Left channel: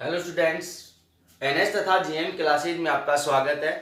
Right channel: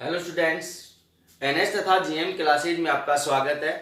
Hello students, NS तथा GM classes में आपका स्वागत है।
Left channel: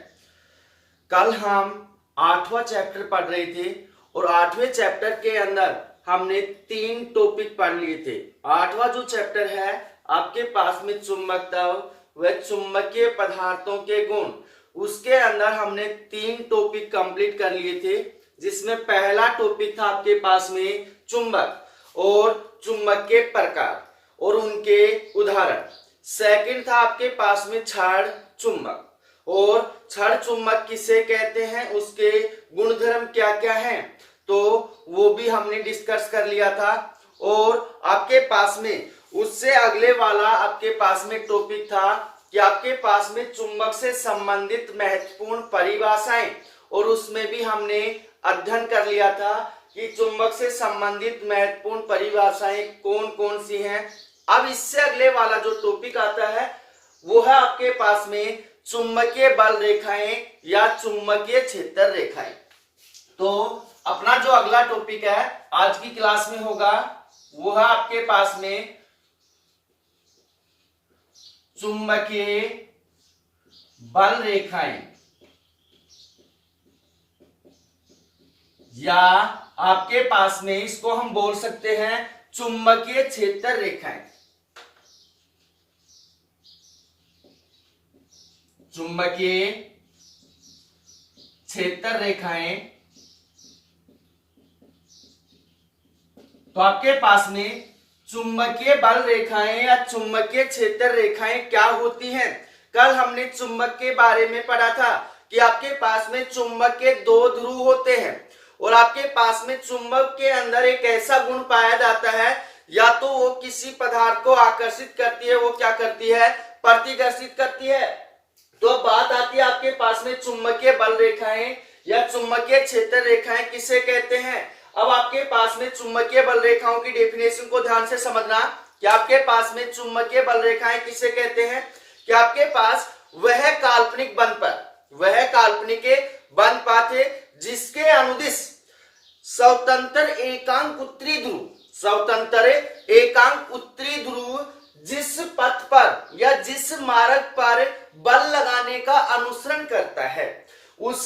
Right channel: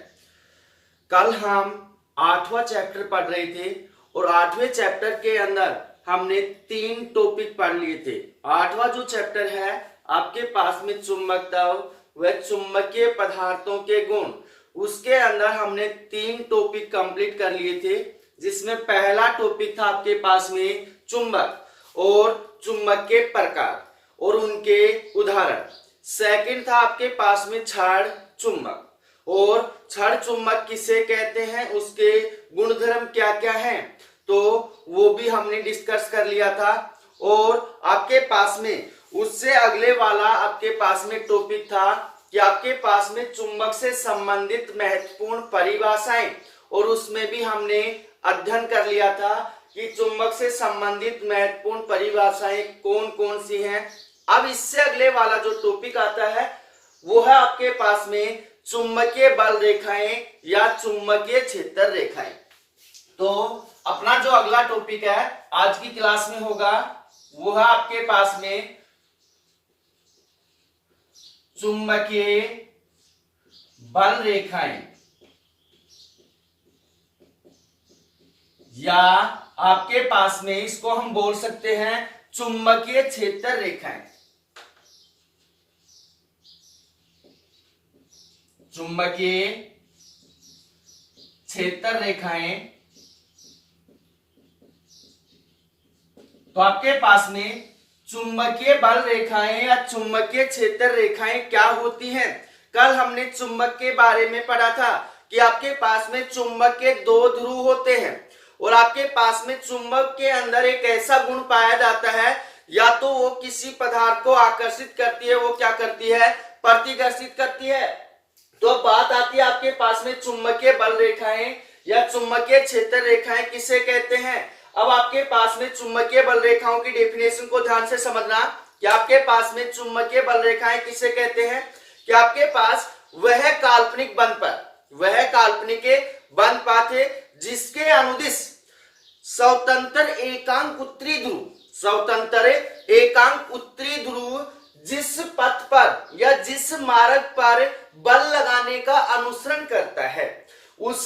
कल हम 8वां चैप्टर पढ़ रहे थे और 8वें चैप्टर के अंदर हमने 3 टॉपिक पढ़ लिए थे। 8वां जो चैप्टर है आपके पास में चुंबकत्व व चुंबकीय पदार्थों के गुण, उसके अंदर हमने 3 टॉपिक कंप्लीट कर लिए थे, जिसमें पहला टॉपिक था आपके पास में चुंबक और चुंबक के प्रकार और उनके उदाहरण। सेकंड था आपके पास में क्षार चुंबक और क्षार चुंबक किसे कहते हैं, उसके गुणधर्म क्या क्या हैं, तो वो भी हमने डिस्कस कर लिया था। और आपके पास में उससे अगले वाला आपके पास में टॉपिक था कि आपके पास में चुंबक से संबंधित महत्वपूर्ण परिभाषाएं, और उसमें भी हमने अध्ययन कर लिया था कि चुंबक से संबंधित महत्वपूर्ण परिभाषाएं कौन कौन सी हैं। अब इससे अगले वाला जो टॉपिक आता है वो है आपके पास में चुंबकीय बल रेखाएं या चुंबकीय क्षेत्र रेखाएं। तो अपना जो अगला टॉपिक है आज की क्लास में होगा वो है आपके पास में चुंबकीय बल रेखाएं या आपके पास में इसको हम बोल सकते हैं चुंबकीय क्षेत्र रेखाएं। चुंबकीय क्षेत्र रेखाएं, तो आपके पास में चुंबकीय बल रेखाएं या चुंबकीय क्षेत्र रेखाएं क्या होती हैं। कल हमने चुंबक के बारे में पढ़ा था कि आपके पास में चुंबक के 2 ध्रुव होते हैं और आपके पास में चुंबक के अंदर एक ऐसा गुण पाया जाता है, या तो वो किसी पदार्थ को आकर्षित करती है, वो क्या करती है, प्रतिकर्षित करती है। तो बात आती है आपके पास में चुंबकीय बल रेखाएं या चुंबकीय क्षेत्र रेखाएं किसे कहते हैं। अब आपके पास में चुंबकीय बल रेखाओं की डेफिनेशन को ध्यान से समझना कि आपके पास में चुंबकीय बल रेखाएं किसे कहते हैं कि आपके पास वह काल्पनिक बंधपथ है जिसके अनुदिश स्वतंत्र एकांक उत्तरी ध्रुव जिस पथ पर या जिस मार्ग पर बल लगाने का अनुसरण करता है, उस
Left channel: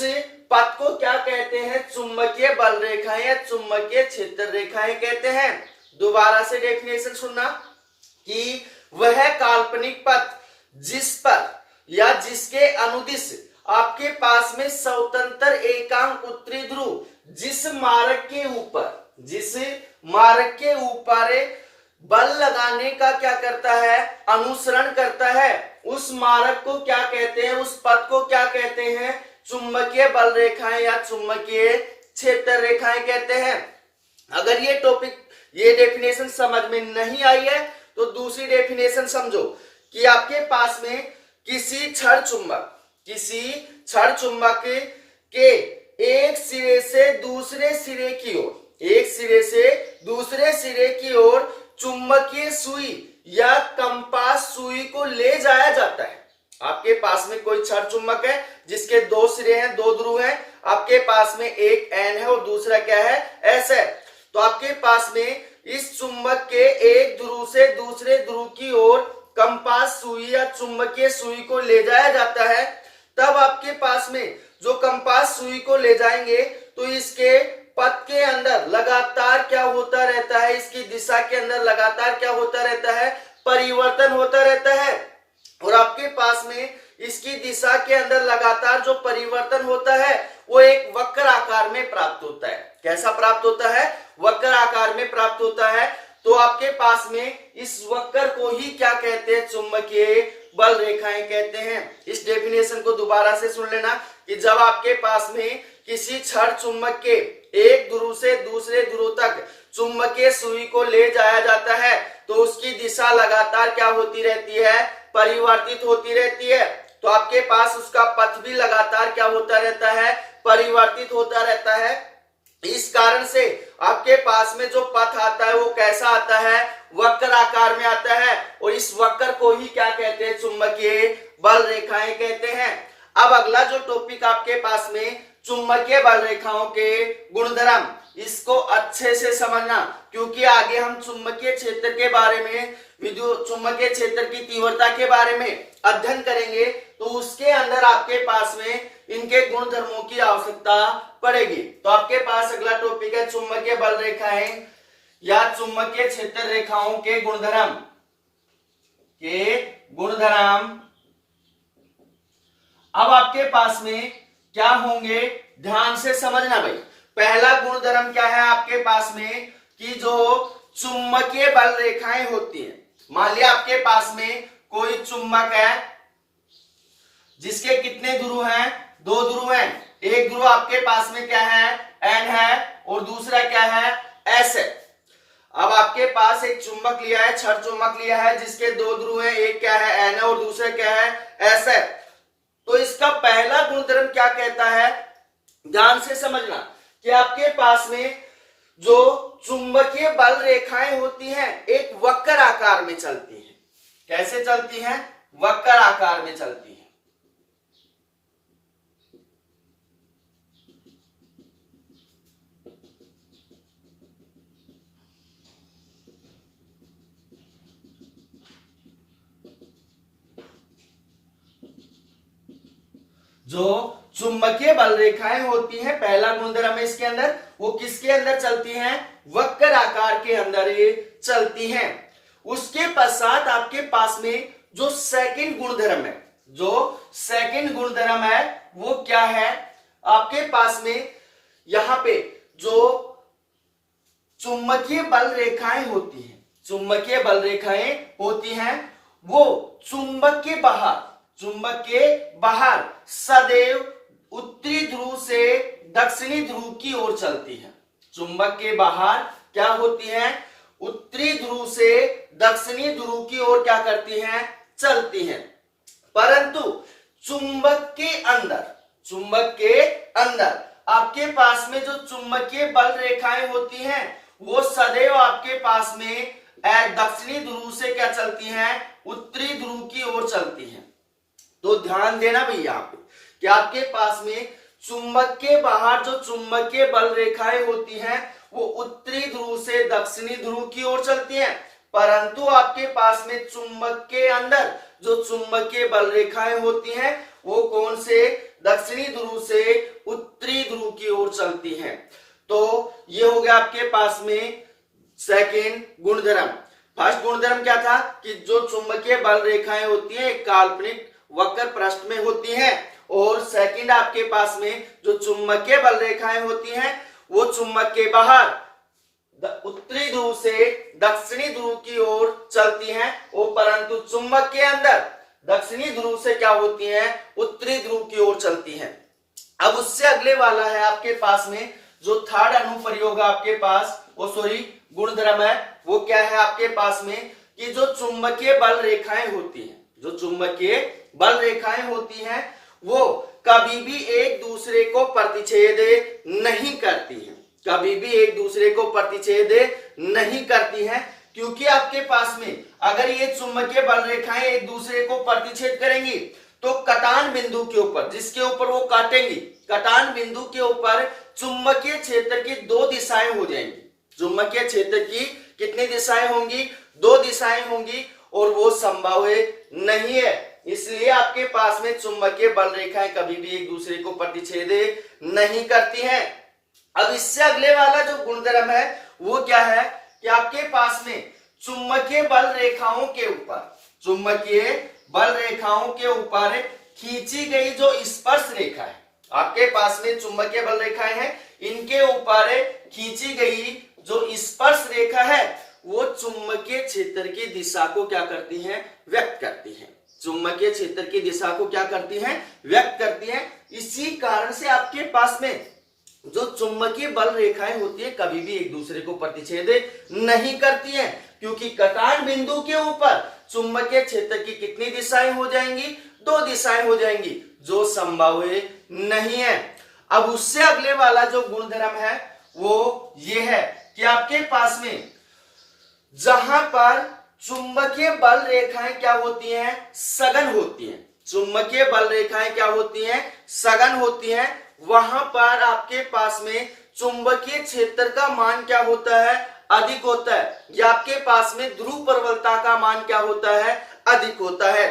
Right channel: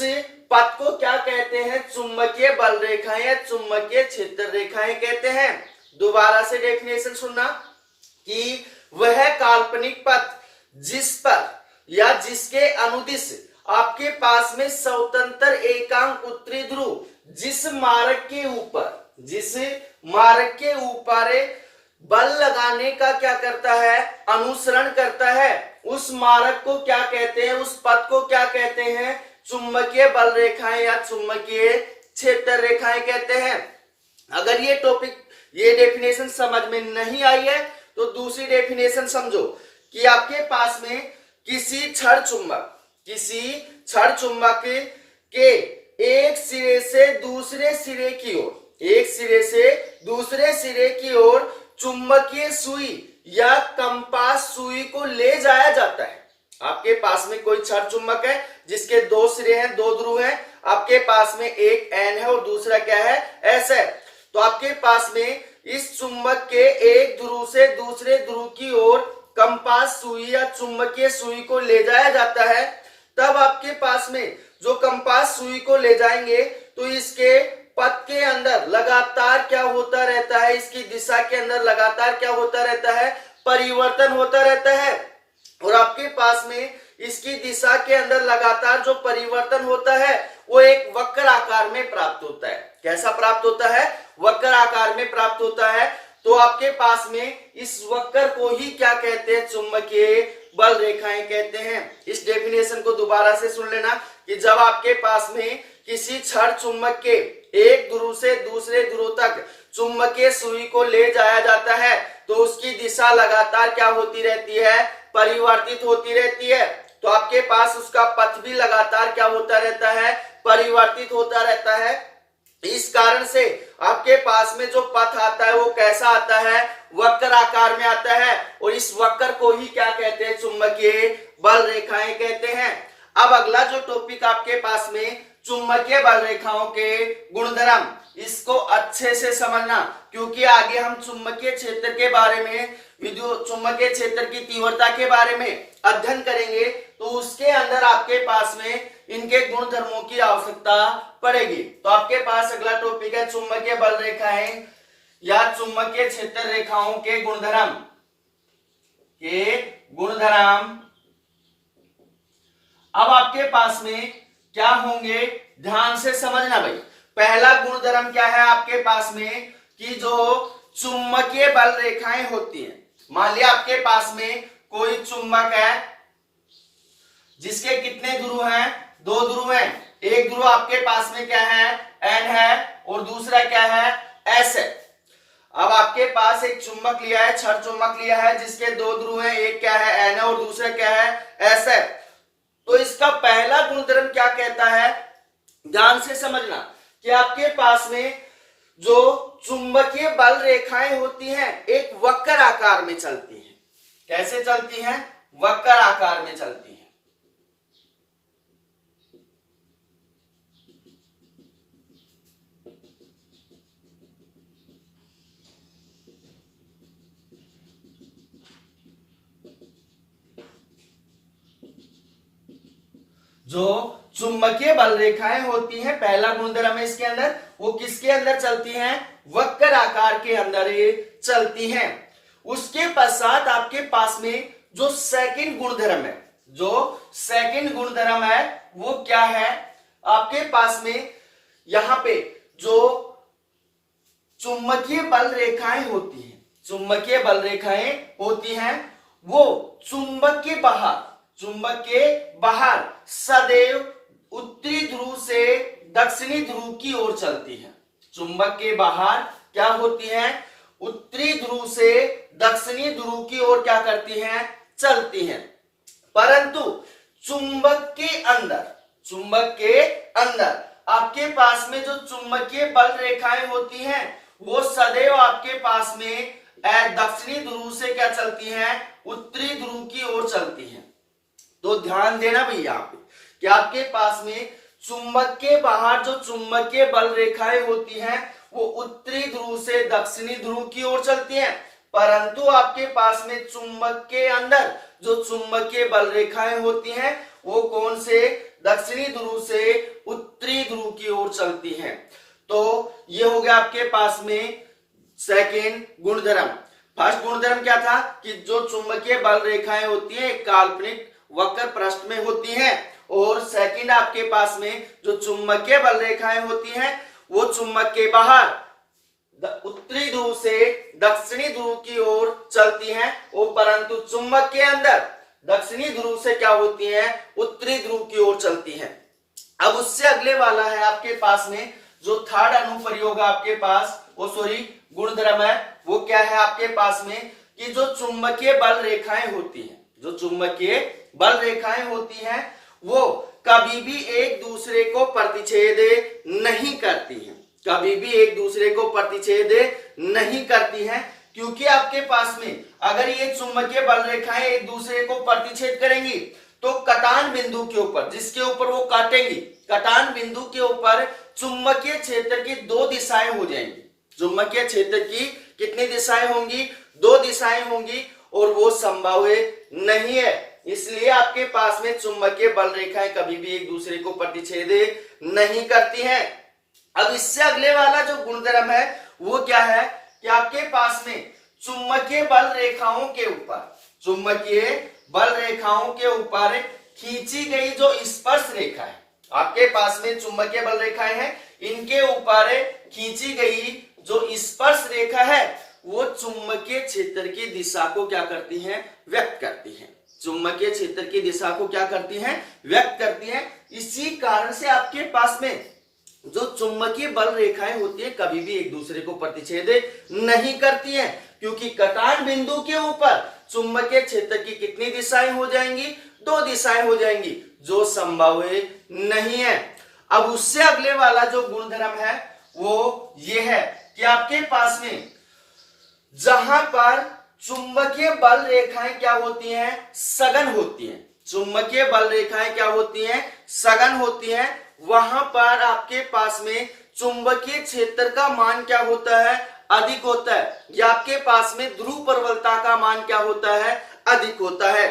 पथ को क्या कहते हैं, चुंबकीय बल रेखाएं या चुंबकीय क्षेत्र रेखाएं कहते हैं। दोबारा से डेफिनेशन सुनना कि वह काल्पनिक पथ जिस पर या जिसके अनुदिश आपके पास में स्वतंत्र एकांक उत्तरी ध्रुव जिस मार्ग के ऊपर बल लगाने का क्या करता है, अनुसरण करता है, उस मार्ग को क्या कहते हैं, उस पथ को क्या कहते हैं, चुंबकीय बल रेखाएं या चुंबकीय क्षेत्र रेखाएं कहते हैं। अगर ये डेफिनेशन समझ में नहीं आई है तो दूसरी डेफिनेशन समझो कि आपके पास में किसी क्षण चुंबक के एक सिरे से दूसरे सिरे की ओर चुंबकीय सुई या कंपास सुई को ले जाया जाता है। आपके पास में कोई क्षण चुंबक है जिसके 2 सिरे हैं, 2 ध्रुव हैं, आपके पास में एक N है और दूसरा क्या है, S है। तो आपके पास में इस चुंबक के एक ध्रुव से दूसरे ध्रुव की ओर कंपास सुई या चुंबकीय सुई को ले जाया जाता है। तब आपके पास में जो कंपास सुई को ले जाएंगे तो इसके पथ के अंदर लगातार क्या होता रहता है, इसकी दिशा के अंदर लगातार क्या होता रहता है, परिवर्तन होता रहता है। और आपके पास में इसकी दिशा के अंदर लगातार जो परिवर्तन होता है वो एक वक्र आकार में प्राप्त होता है। कैसा प्राप्त होता है, वक्र आकार में प्राप्त होता है। तो आपके पास में इस वक्र को ही क्या कहते हैं, चुंबकीय बल रेखाएं कहते हैं। इस डेफिनेशन को दोबारा से सुन लेना कि जब आपके पास में किसी क्षण चुंबक के एक ध्रुव से दूसरे ध्रुव तक चुंबकीय सुई को ले जाया जाता है तो उसकी दिशा लगातार क्या होती रहती है, परिवर्तित होती रहती है। तो आपके पास उसका पथ भी लगातार क्या होता रहता है, परिवर्तित होता रहता है। इस कारण से आपके पास में जो पथ आता है वो कैसा आता है, वक्र आकार में आता है, और इस वक्र को ही क्या कहते हैं, चुंबकीय बल रेखाएं कहते हैं। अब अगला जो टॉपिक आपके पास में चुंबकीय बल रेखाओं के गुणधर्म, इसको अच्छे से समझना, क्योंकि आगे हम चुंबकीय क्षेत्र के बारे में, विद्युत चुंबकीय क्षेत्र की तीव्रता के बारे में अध्ययन करेंगे, तो उसके अंदर आपके पास में इनके गुणधर्मों की आवश्यकता पड़ेगी। तो आपके पास अगला टॉपिक है चुंबकीय बल रेखाएं या चुंबकीय क्षेत्र रेखाओं के गुणधर्म। अब आपके पास में क्या होंगे, ध्यान से समझना भाई। पहला गुणधर्म क्या है आपके पास में कि जो चुंबकीय बल रेखाएं होती हैं, मान लिया आपके पास में कोई चुंबक है जिसके कितने ध्रुव हैं, 2 ध्रुव हैं। एक ध्रुव आपके पास में क्या है, N है, और दूसरा क्या है, S है। अब आपके पास एक चुंबक लिया है, छड़ चुंबक लिया है जिसके 2 ध्रुव हैं, एक क्या है N है और दूसरा क्या है S है। तो इसका पहला गुणधर्म क्या कहता है, ध्यान से समझना कि आपके पास में जो चुंबकीय बल रेखाएं होती हैं एक वक्र आकार में चलती हैं। कैसे चलती हैं, वक्र आकार में चलती हैं। जो चुंबकीय बल रेखाएं होती हैं, पहला गुणधर्म है इसके अंदर, वो किसके अंदर चलती हैं, वक्र आकार के अंदर ये चलती हैं। उसके पश्चात आपके पास में जो सेकंड गुणधर्म है, वो क्या है आपके पास में, यहां पे जो चुंबकीय बल रेखाएं होती हैं, वो चुंबक के बाहर सदैव उत्तरी ध्रुव से दक्षिणी ध्रुव की ओर चलती है। चुंबक के बाहर क्या होती है, उत्तरी ध्रुव से दक्षिणी ध्रुव की ओर क्या करती हैं, चलती हैं। परंतु चुंबक के अंदर आपके पास में जो चुंबकीय बल रेखाएं होती हैं वो सदैव आपके पास में दक्षिणी ध्रुव से क्या चलती हैं, उत्तरी ध्रुव की ओर चलती हैं। तो ध्यान देना भैया यहाँ पे कि आपके पास में चुंबक के बाहर जो चुंबकीय बल रेखाएं होती हैं वो उत्तरी ध्रुव से दक्षिणी ध्रुव की ओर चलती हैं, परंतु आपके पास में चुंबक के अंदर जो चुंबकीय बल रेखाएं होती हैं वो कौन से, दक्षिणी ध्रुव से उत्तरी ध्रुव की ओर चलती हैं। तो ये हो गया आपके पास में सेकेंड गुणधर्म। फर्स्ट गुणधर्म क्या था कि जो चुंबकीय बल रेखाएं होती हैं एक काल्पनिक वक्र पृष्ठ में होती हैं, और सेकंड आपके पास में जो चुंबकीय बल रेखाएं होती हैं वो चुंबक के बाहर उत्तरी ध्रुव से दक्षिणी ध्रुव की ओर चलती हैं, और परंतु चुंबक के अंदर दक्षिणी ध्रुव से क्या होती हैं, उत्तरी ध्रुव की ओर चलती हैं। अब उससे अगले वाला है आपके पास में जो थर्ड अनुप्रयोग आपके पास, गुणधर्म है, वो क्या है आपके पास में कि जो चुंबकीय बल रेखाएं होती हैं वो कभी भी एक दूसरे को प्रतिच्छेद नहीं करती हैं, क्योंकि आपके पास में अगर ये चुंबकीय बल रेखाएं एक दूसरे को प्रतिच्छेद करेंगी तो कटान बिंदु के ऊपर, जिसके ऊपर वो काटेंगी, कटान बिंदु के ऊपर चुंबकीय क्षेत्र की 2 दिशाएं हो जाएंगी। चुंबकीय क्षेत्र की कितनी दिशाएं होंगी, 2 दिशाएं होंगी, और वो संभव नहीं है। इसलिए आपके पास में चुंबकीय बल रेखाएं कभी भी एक दूसरे को प्रतिच्छेद नहीं करती हैं। अब इससे अगले वाला जो गुणधर्म है वो क्या है कि आपके पास में चुंबकीय बल रेखाओं के ऊपर खींची गई जो स्पर्श रेखा है, आपके पास में चुंबकीय बल रेखाएं हैं, इनके ऊपर खींची गई जो स्पर्श रेखा है वो चुंबकीय क्षेत्र की दिशा को क्या करती हैं, व्यक्त करती हैं। चुंबकीय क्षेत्र की दिशा को क्या करती हैं, व्यक्त करती हैं। इसी कारण से आपके पास में जो चुंबकीय बल रेखाएं होती है कभी भी एक दूसरे को प्रतिच्छेद नहीं करती हैं, क्योंकि कटान बिंदु के ऊपर चुंबकीय क्षेत्र की कितनी दिशाएं हो जाएंगी, 2 दिशाएं हो जाएंगी, जो संभव नहीं है। अब उससे अगले वाला जो गुणधर्म है वो ये है कि आपके पास में जहां पर चुंबकीय बल रेखाएं क्या होती हैं, सघन होती हैं, वहां पर आपके पास में चुंबकीय क्षेत्र का मान क्या होता है, अधिक होता है, या आपके पास में ध्रुव प्रबलता का मान क्या होता है, अधिक होता है।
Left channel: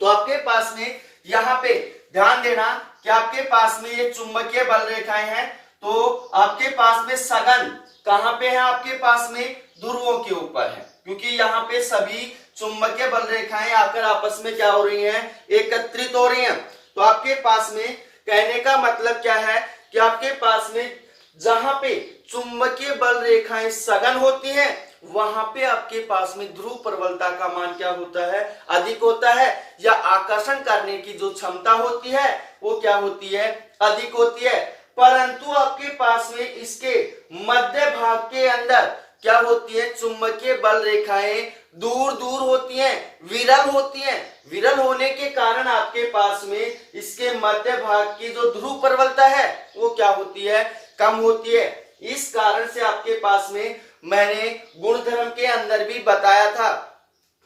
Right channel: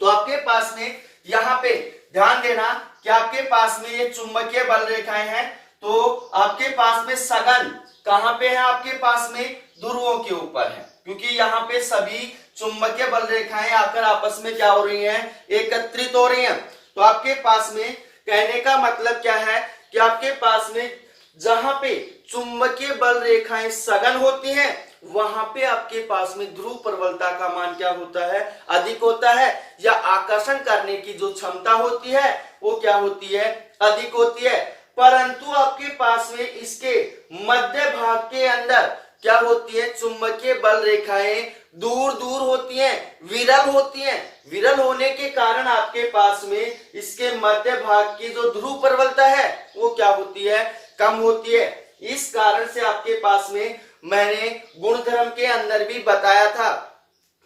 तो आपके पास में यहाँ पे ध्यान देना कि आपके पास में ये चुंबकीय बल रेखाएं हैं, तो आपके पास में सघन कहां पे है, आपके पास में ध्रुवों के ऊपर है, क्योंकि यहाँ पे सभी चुंबकीय बल रेखाएं आकर आपस में क्या हो रही हैं, एकत्रित हो रही हैं। तो आपके पास में कहने का मतलब क्या है कि आपके पास में जहां पे चुंबकीय बल रेखाएं सघन होती हैं, वहां पे आपके पास में ध्रुव प्रबलता का मान क्या होता है, अधिक होता है, या आकर्षण करने की जो क्षमता होती है वो क्या होती है, अधिक होती है। परंतु आपके पास में इसके मध्य भाग के अंदर क्या होती है, चुंबकीय बल रेखाएं दूर दूर होती हैं, विरल होती हैं। विरल होने के कारण आपके पास में इसके मध्य भाग की जो ध्रुव प्रबलता है वो क्या होती है, कम होती है। इस कारण से आपके पास में मैंने गुणधर्म के अंदर भी बताया था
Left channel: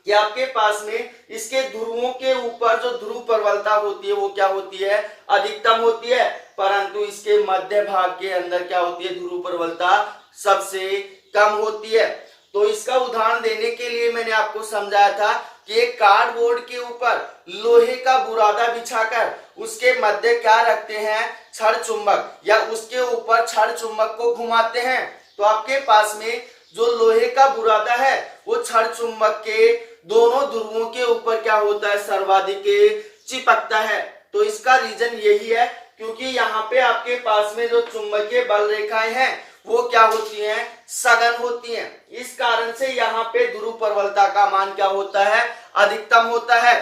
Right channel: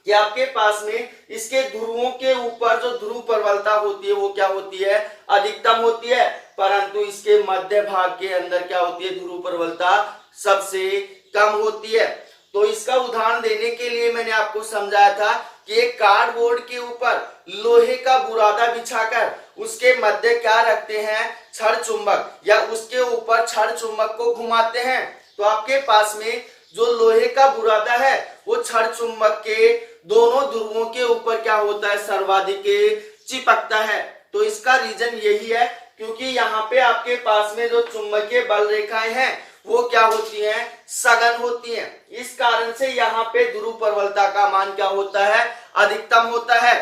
कि आपके पास में इसके ध्रुवों के ऊपर जो ध्रुव प्रबलता होती है वो क्या होती है, अधिकतम होती है, परंतु इसके मध्य भाग के अंदर क्या होती है, ध्रुव प्रबलता सबसे कम होती है। तो इसका उदाहरण देने के लिए मैंने आपको समझाया था कि एक कार्डबोर्ड के ऊपर लोहे का बुरादा बिछाकर उसके मध्य क्या रखते हैं, छड़ चुंबक, या उसके ऊपर छड़ चुंबक को घुमाते हैं। तो आपके पास में जो लोहे का बुरादा है वो छड़ चुंबक के दोनों ध्रुवों के ऊपर क्या होता है, सर्वाधिक चिपकता है। तो इसका रीजन यही है क्योंकि यहाँ पे आपके पास में जो चुंबकीय बल रेखाएं हैं वो क्या होती हैं, सघन होती हैं। इस कारण से यहाँ पे ध्रुव प्रबलता का मान क्या होता है, अधिकतम होता है।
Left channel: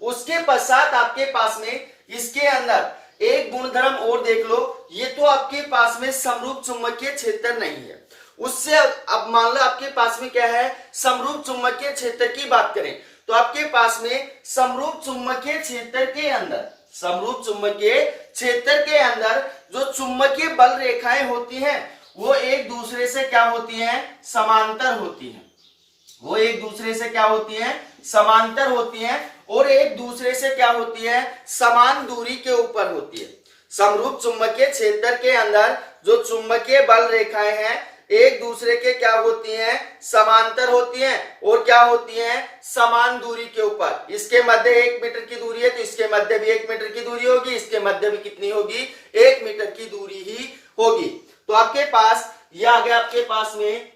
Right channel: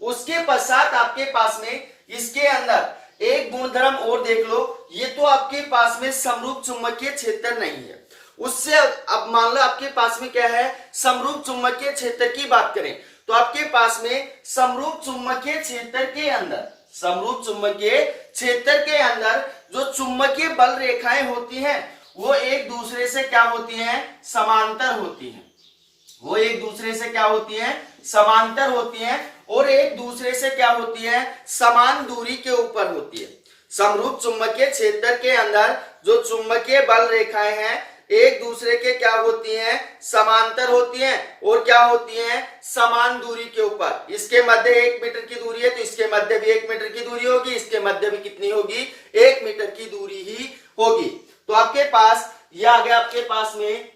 उसके पश्चात आपके पास में इसके अंदर एक गुणधर्म और देख लो। ये तो आपके पास में समरूप चुंबकीय क्षेत्र नहीं है, उससे अब मान लो आपके पास में क्या है, समरूप चुंबकीय क्षेत्र की बात करें तो आपके पास में समरूप चुंबकीय क्षेत्र के अंदर, समरूप चुंबकीय क्षेत्र के अंदर जो चुंबकीय बल रेखाएं होती हैं वो एक दूसरे से क्या होती हैं, समांतर होती हैं। वो एक दूसरे से क्या होती हैं, समांतर होती हैं, और एक दूसरे से क्या होती है, समान दूरी के ऊपर होती है। समरूप चुंबकीय क्षेत्र के अंदर जो चुंबकीय बल रेखाएं हैं एक दूसरे के क्या होती हैं, समांतर होती हैं, और क्या होती हैं, समान दूरी के ऊपर। इसके मध्य 1 मीटर की दूरी है तो इसके मध्य भी 1 मीटर की दूरी होगी, इसके मध्य भी कितनी होगी, 1 मीटर की दूरी ही होगी। तो आपके पास यह आ गया आपके पास में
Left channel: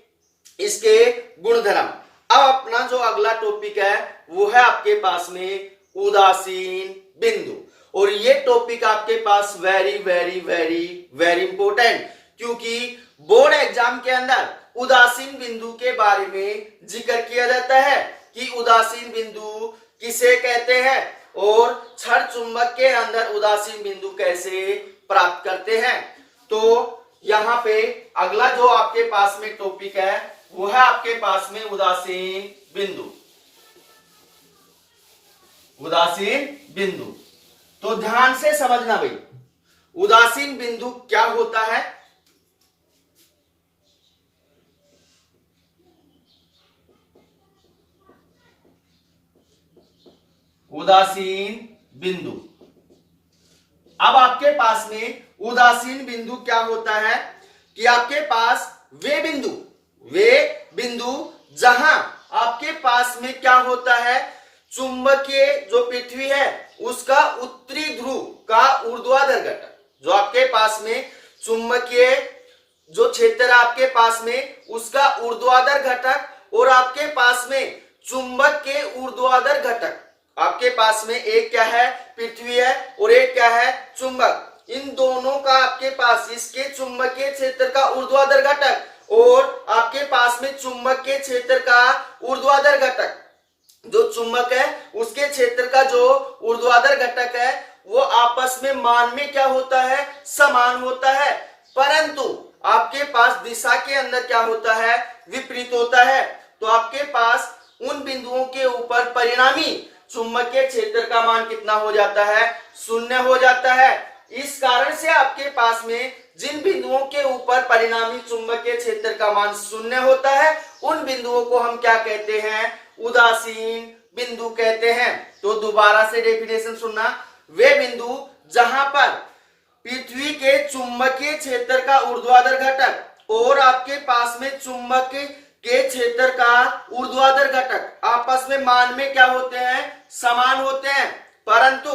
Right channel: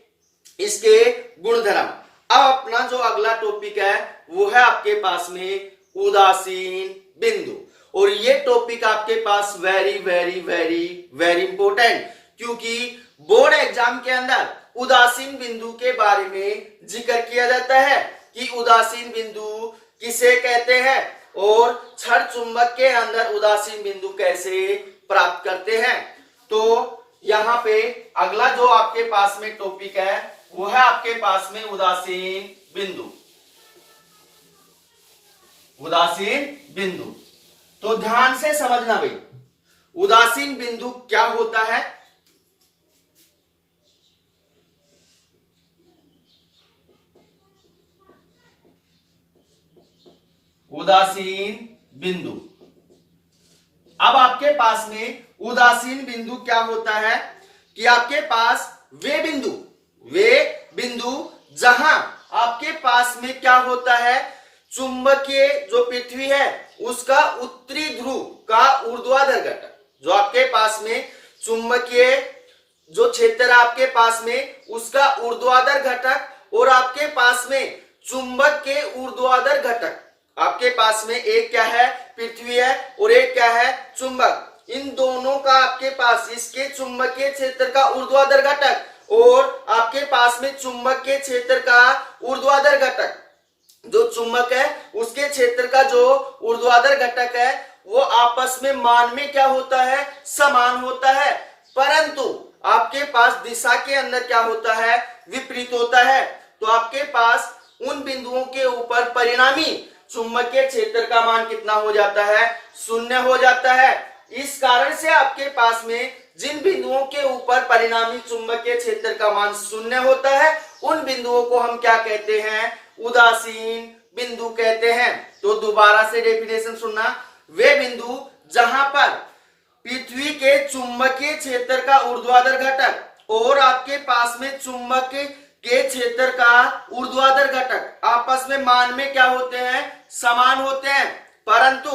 इसके गुणधर्म। अब अपना जो अगला टॉपिक है वो है आपके पास में उदासीन बिंदु, और ये टॉपिक आपके पास very very very very important, क्योंकि बोर्ड एग्जाम के अंदर उदासीन बिंदु के बारे में जिक्र किया जाता है कि उदासीन बिंदु किसे कहते हैं और छड़ चुंबक के अंदर उदासीन बिंदु कैसे प्राप्त करते हैं। तो यहाँ पे अगला जो आपके पास में टॉपिक है वो है आपके पास में उदासीन बिंदु। उदासीन बिंदु तो ध्यान से समझना भाई, उदासीन बिंदु क्या होता है। उदासीन बिंदु, अब आपके पास में उदासीन बिंदु क्या होता है कि आपके पास वे बिंदु जहां आपके पास में क्या होता है, चुंबकीय जो पृथ्वी है उसका उत्तरी ध्रुव का ऊर्ध्वाधर घटक, जो आपके पास में चुंबकीय जो क्षेत्र आपके पास में उसका ऊर्ध्वाधर घटक और आपके पास में चुंबक के ऊर्ध्वाधर घटक, आपके पास में एक क्या है, पृथ्वी है और एक क्या है, चुंबक। इन दोनों का आपके पास इसके चुंबकीय क्षेत्र का ऊर्ध्वाधर घटक और आपके पास में चुंबक के क्षेत्र का ऊर्ध्वाधर घटक, जो चुंबक है उसके क्षेत्र का जो ऊर्ध्वाधर घटक है वो आपस में मान में क्या होता है, समान होता है, परंतु आपके पास दिशा के अंदर क्या होता है, विपरीत होता है। तो आपके पास उन बिंदुओं के ऊपर परिणामी चुंबकीय क्षेत्र का मान कितना हो जाता है, 0 हो जाता है। इस कारण से आपके पास में जिन बिंदुओं के ऊपर परिणामी चुंबकीय क्षेत्र का मान 0 होता है उन बिंदुओं को हम क्या कहते हैं, उदासीन बिंदु कहते हैं। तो दोबारा से डेफिनेशन सुनना, वे बिंदु जहां पर पृथ्वी के चुंबकीय क्षेत्र का ऊर्ध्वाधर घटक और आपके पास में चुंबक के क्षेत्र का ऊर्ध्वाधर घटक आपस में मान में क्या होते हैं, समान होते हैं, परंतु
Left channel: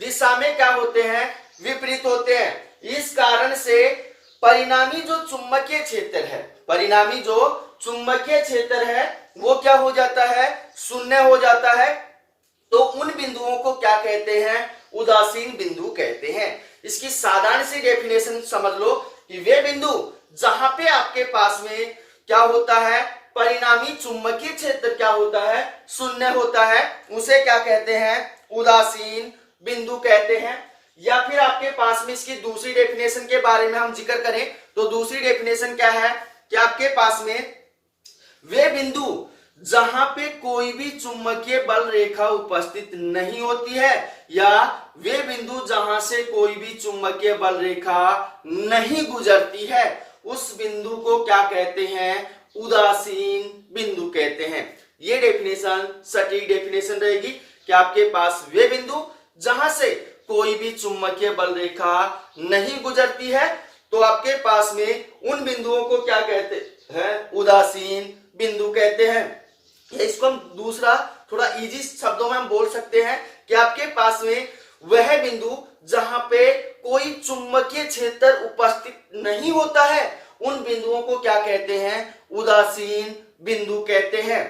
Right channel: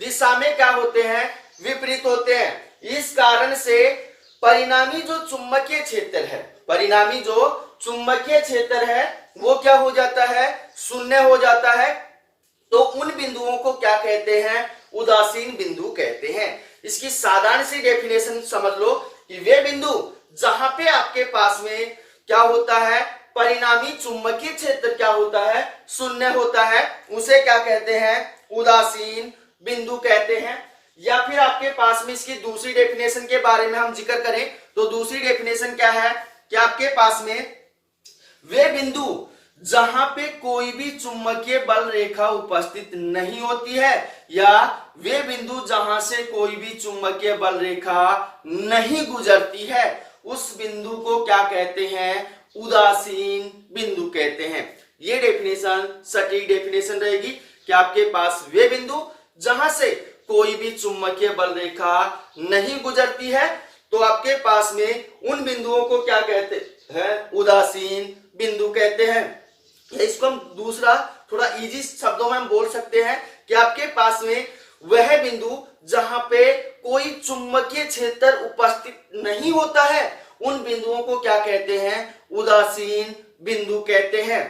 दिशा में क्या होते हैं, विपरीत होते हैं। इस कारण से परिणामी जो चुंबकीय क्षेत्र है, परिणामी जो चुंबकीय क्षेत्र है वो क्या हो जाता है, शून्य हो जाता है। तो उन बिंदुओं को क्या कहते हैं, उदासीन बिंदु कहते हैं। इसकी साधारण सी डेफिनेशन समझ लो कि वे बिंदु जहां पे आपके पास में क्या होता है, परिणामी चुंबकीय क्षेत्र क्या होता है, शून्य होता है, उसे क्या कहते हैं, उदासीन बिंदु कहते हैं। या फिर आपके पास में इसकी दूसरी डेफिनेशन के बारे में हम जिक्र करें तो दूसरी डेफिनेशन क्या है कि आपके पास में वे बिंदु जहां पे कोई भी चुंबकीय बल रेखा उपस्थित नहीं होती है, या वे बिंदु जहां से कोई भी चुंबकीय बल रेखा नहीं गुजरती है, उस बिंदु को क्या कहते हैं, उदासीन बिंदु कहते हैं। ये डेफिनेशन सटीक डेफिनेशन रहेगी कि आपके पास वे बिंदु जहां से कोई भी चुंबकीय बल रेखा नहीं गुजरती है, तो आपके पास में उन बिंदुओं को क्या कहते हैं, उदासीन बिंदु कहते हैं। इसको हम दूसरा थोड़ा इजी शब्दों में हम बोल सकते हैं कि आपके पास में वह बिंदु जहां पे कोई चुंबकीय क्षेत्र उपस्थित नहीं होता है, उन बिंदुओं को क्या कहते हैं, उदासीन बिंदु कहते हैं।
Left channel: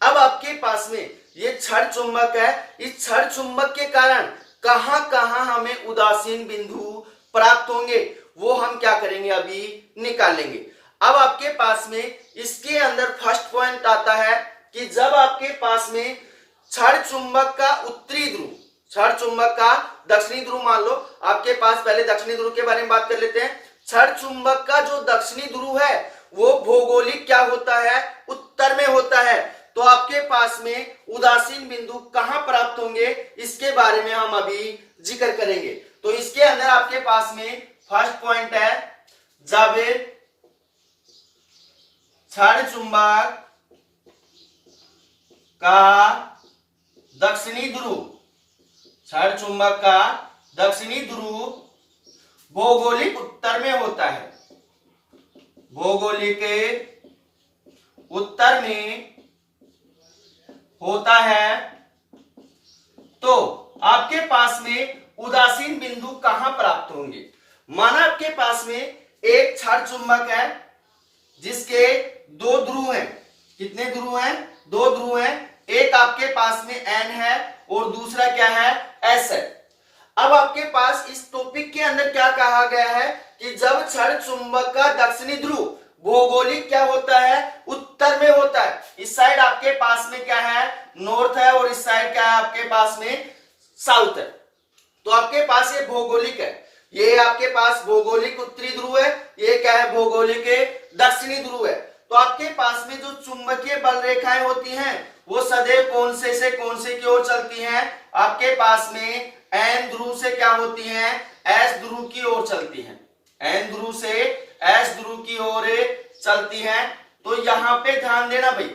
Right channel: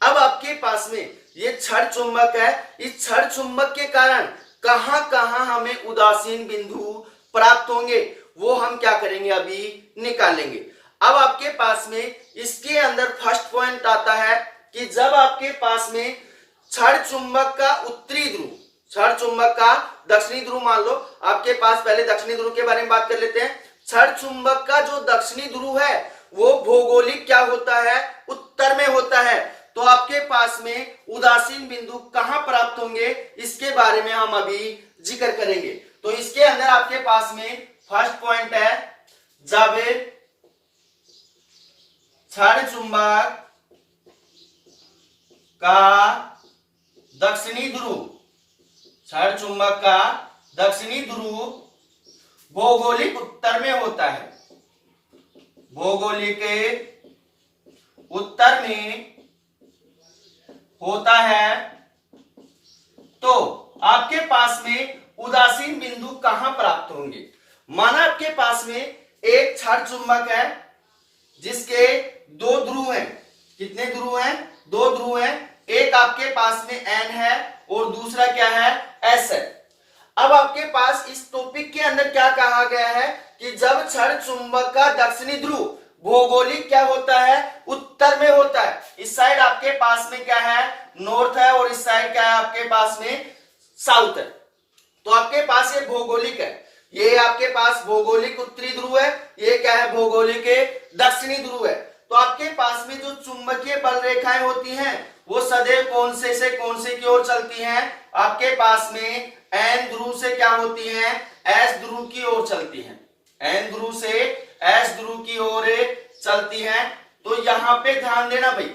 अब आपके पास में ये क्षण चुंबक है, इस क्षण चुंबक के कारण कहां कहां हमें उदासीन बिंदु प्राप्त होंगे वो हम क्या करेंगे, अभी निकालेंगे। अब आपके पास में इसके अंदर फर्स्ट पॉइंट आता है कि जब आपके पास में क्षण चुंबक का उत्तरी ध्रुव, क्षण चुंबक का दक्षिणी ध्रुव मान लो, आपके पास पहले दक्षिणी ध्रुव के बारे में बात कर लेते हैं। क्षण चुंबक का जो दक्षिणी ध्रुव है वो भौगोलिक क्या होता है, उत्तर में होता है। तो आपके पास में उदासीन बिंदु कहां प्राप्त होंगे, इसके बारे में हम अभी जिक्र करेंगे। तो इसके अंदर आपके पास में फर्स्ट पॉइंट है, जब क्षण चुंबक का दक्षिणी ध्रुव, क्षण चुंबक का दक्षिणी ध्रुव भौगोलिक उत्तर में होता है, भौगोलिक उत्तर में होता है, तो आपके पास में उदासीन बिंदु कहां प्राप्त होंगे। माना आपके पास में एक क्षण चुंबक है जिसके दो ध्रुव हैं, कितने ध्रुव हैं, दो ध्रुव हैं, एक आपके पास में N है और दूसरा क्या है, S है। अब आपके पास इस टॉपिक के अंदर क्या कहा गया है कि जब क्षण चुंबक का दक्षिणी ध्रुव भौगोलिक क्या होता है, उत्तर में होता है, इस साइड आपके पास में क्या है, नॉर्थ है, और इस साइड क्या है आपके पास में, साउथ है। तो आपके पास ये भौगोलिक है, ये आपके पास भौगोलिक उत्तरी ध्रुव है, ये क्या है, भौगोलिक दक्षिणी ध्रुव है। तो आपके पास में जो चुंबकीय बल रेखाएं होती हैं वो सदैव कौन से कौन से की ओर चलती हैं, आपके पास में N ध्रुव से क्या होती हैं, S ध्रुव की ओर चलती हैं, N ध्रुव से S ध्रुव की ओर चलती हैं। तो यहां पे ध्यान देना भाई,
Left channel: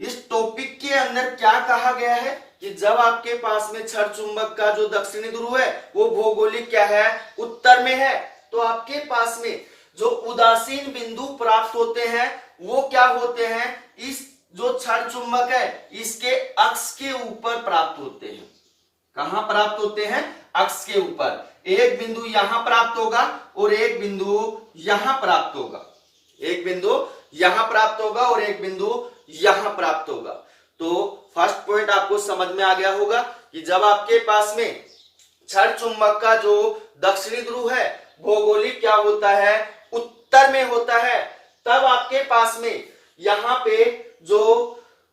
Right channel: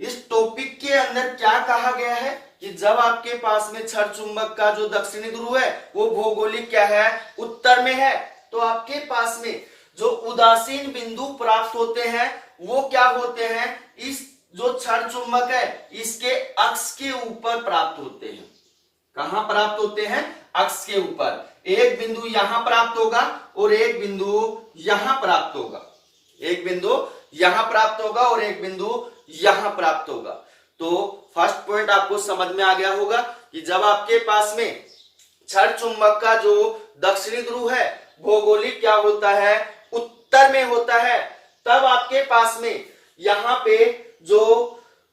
इस टॉपिक के अंदर क्या कहा गया है कि जब आपके पास में क्षण चुंबक का जो दक्षिणी ध्रुव है वो भौगोलिक क्या है, उत्तर में है, तो आपके पास में जो उदासीन बिंदु प्राप्त होते हैं वो क्या होते हैं, इस जो क्षण चुंबक है इसके अक्ष के ऊपर प्राप्त होते हैं। कहां प्राप्त होते हैं, अक्ष के ऊपर। एक बिंदु यहां प्राप्त होगा और एक बिंदु यहां प्राप्त होगा, एक बिंदु यहां प्राप्त होगा और एक बिंदु यहां प्राप्त होगा। तो फर्स्ट पॉइंट आपको समझ में आ गया होगा कि जब आपके पास में क्षण चुंबक का जो दक्षिणी ध्रुव है भौगोलिक क्या होता है, उत्तर में होता है, तब आपके पास में यहां पे जो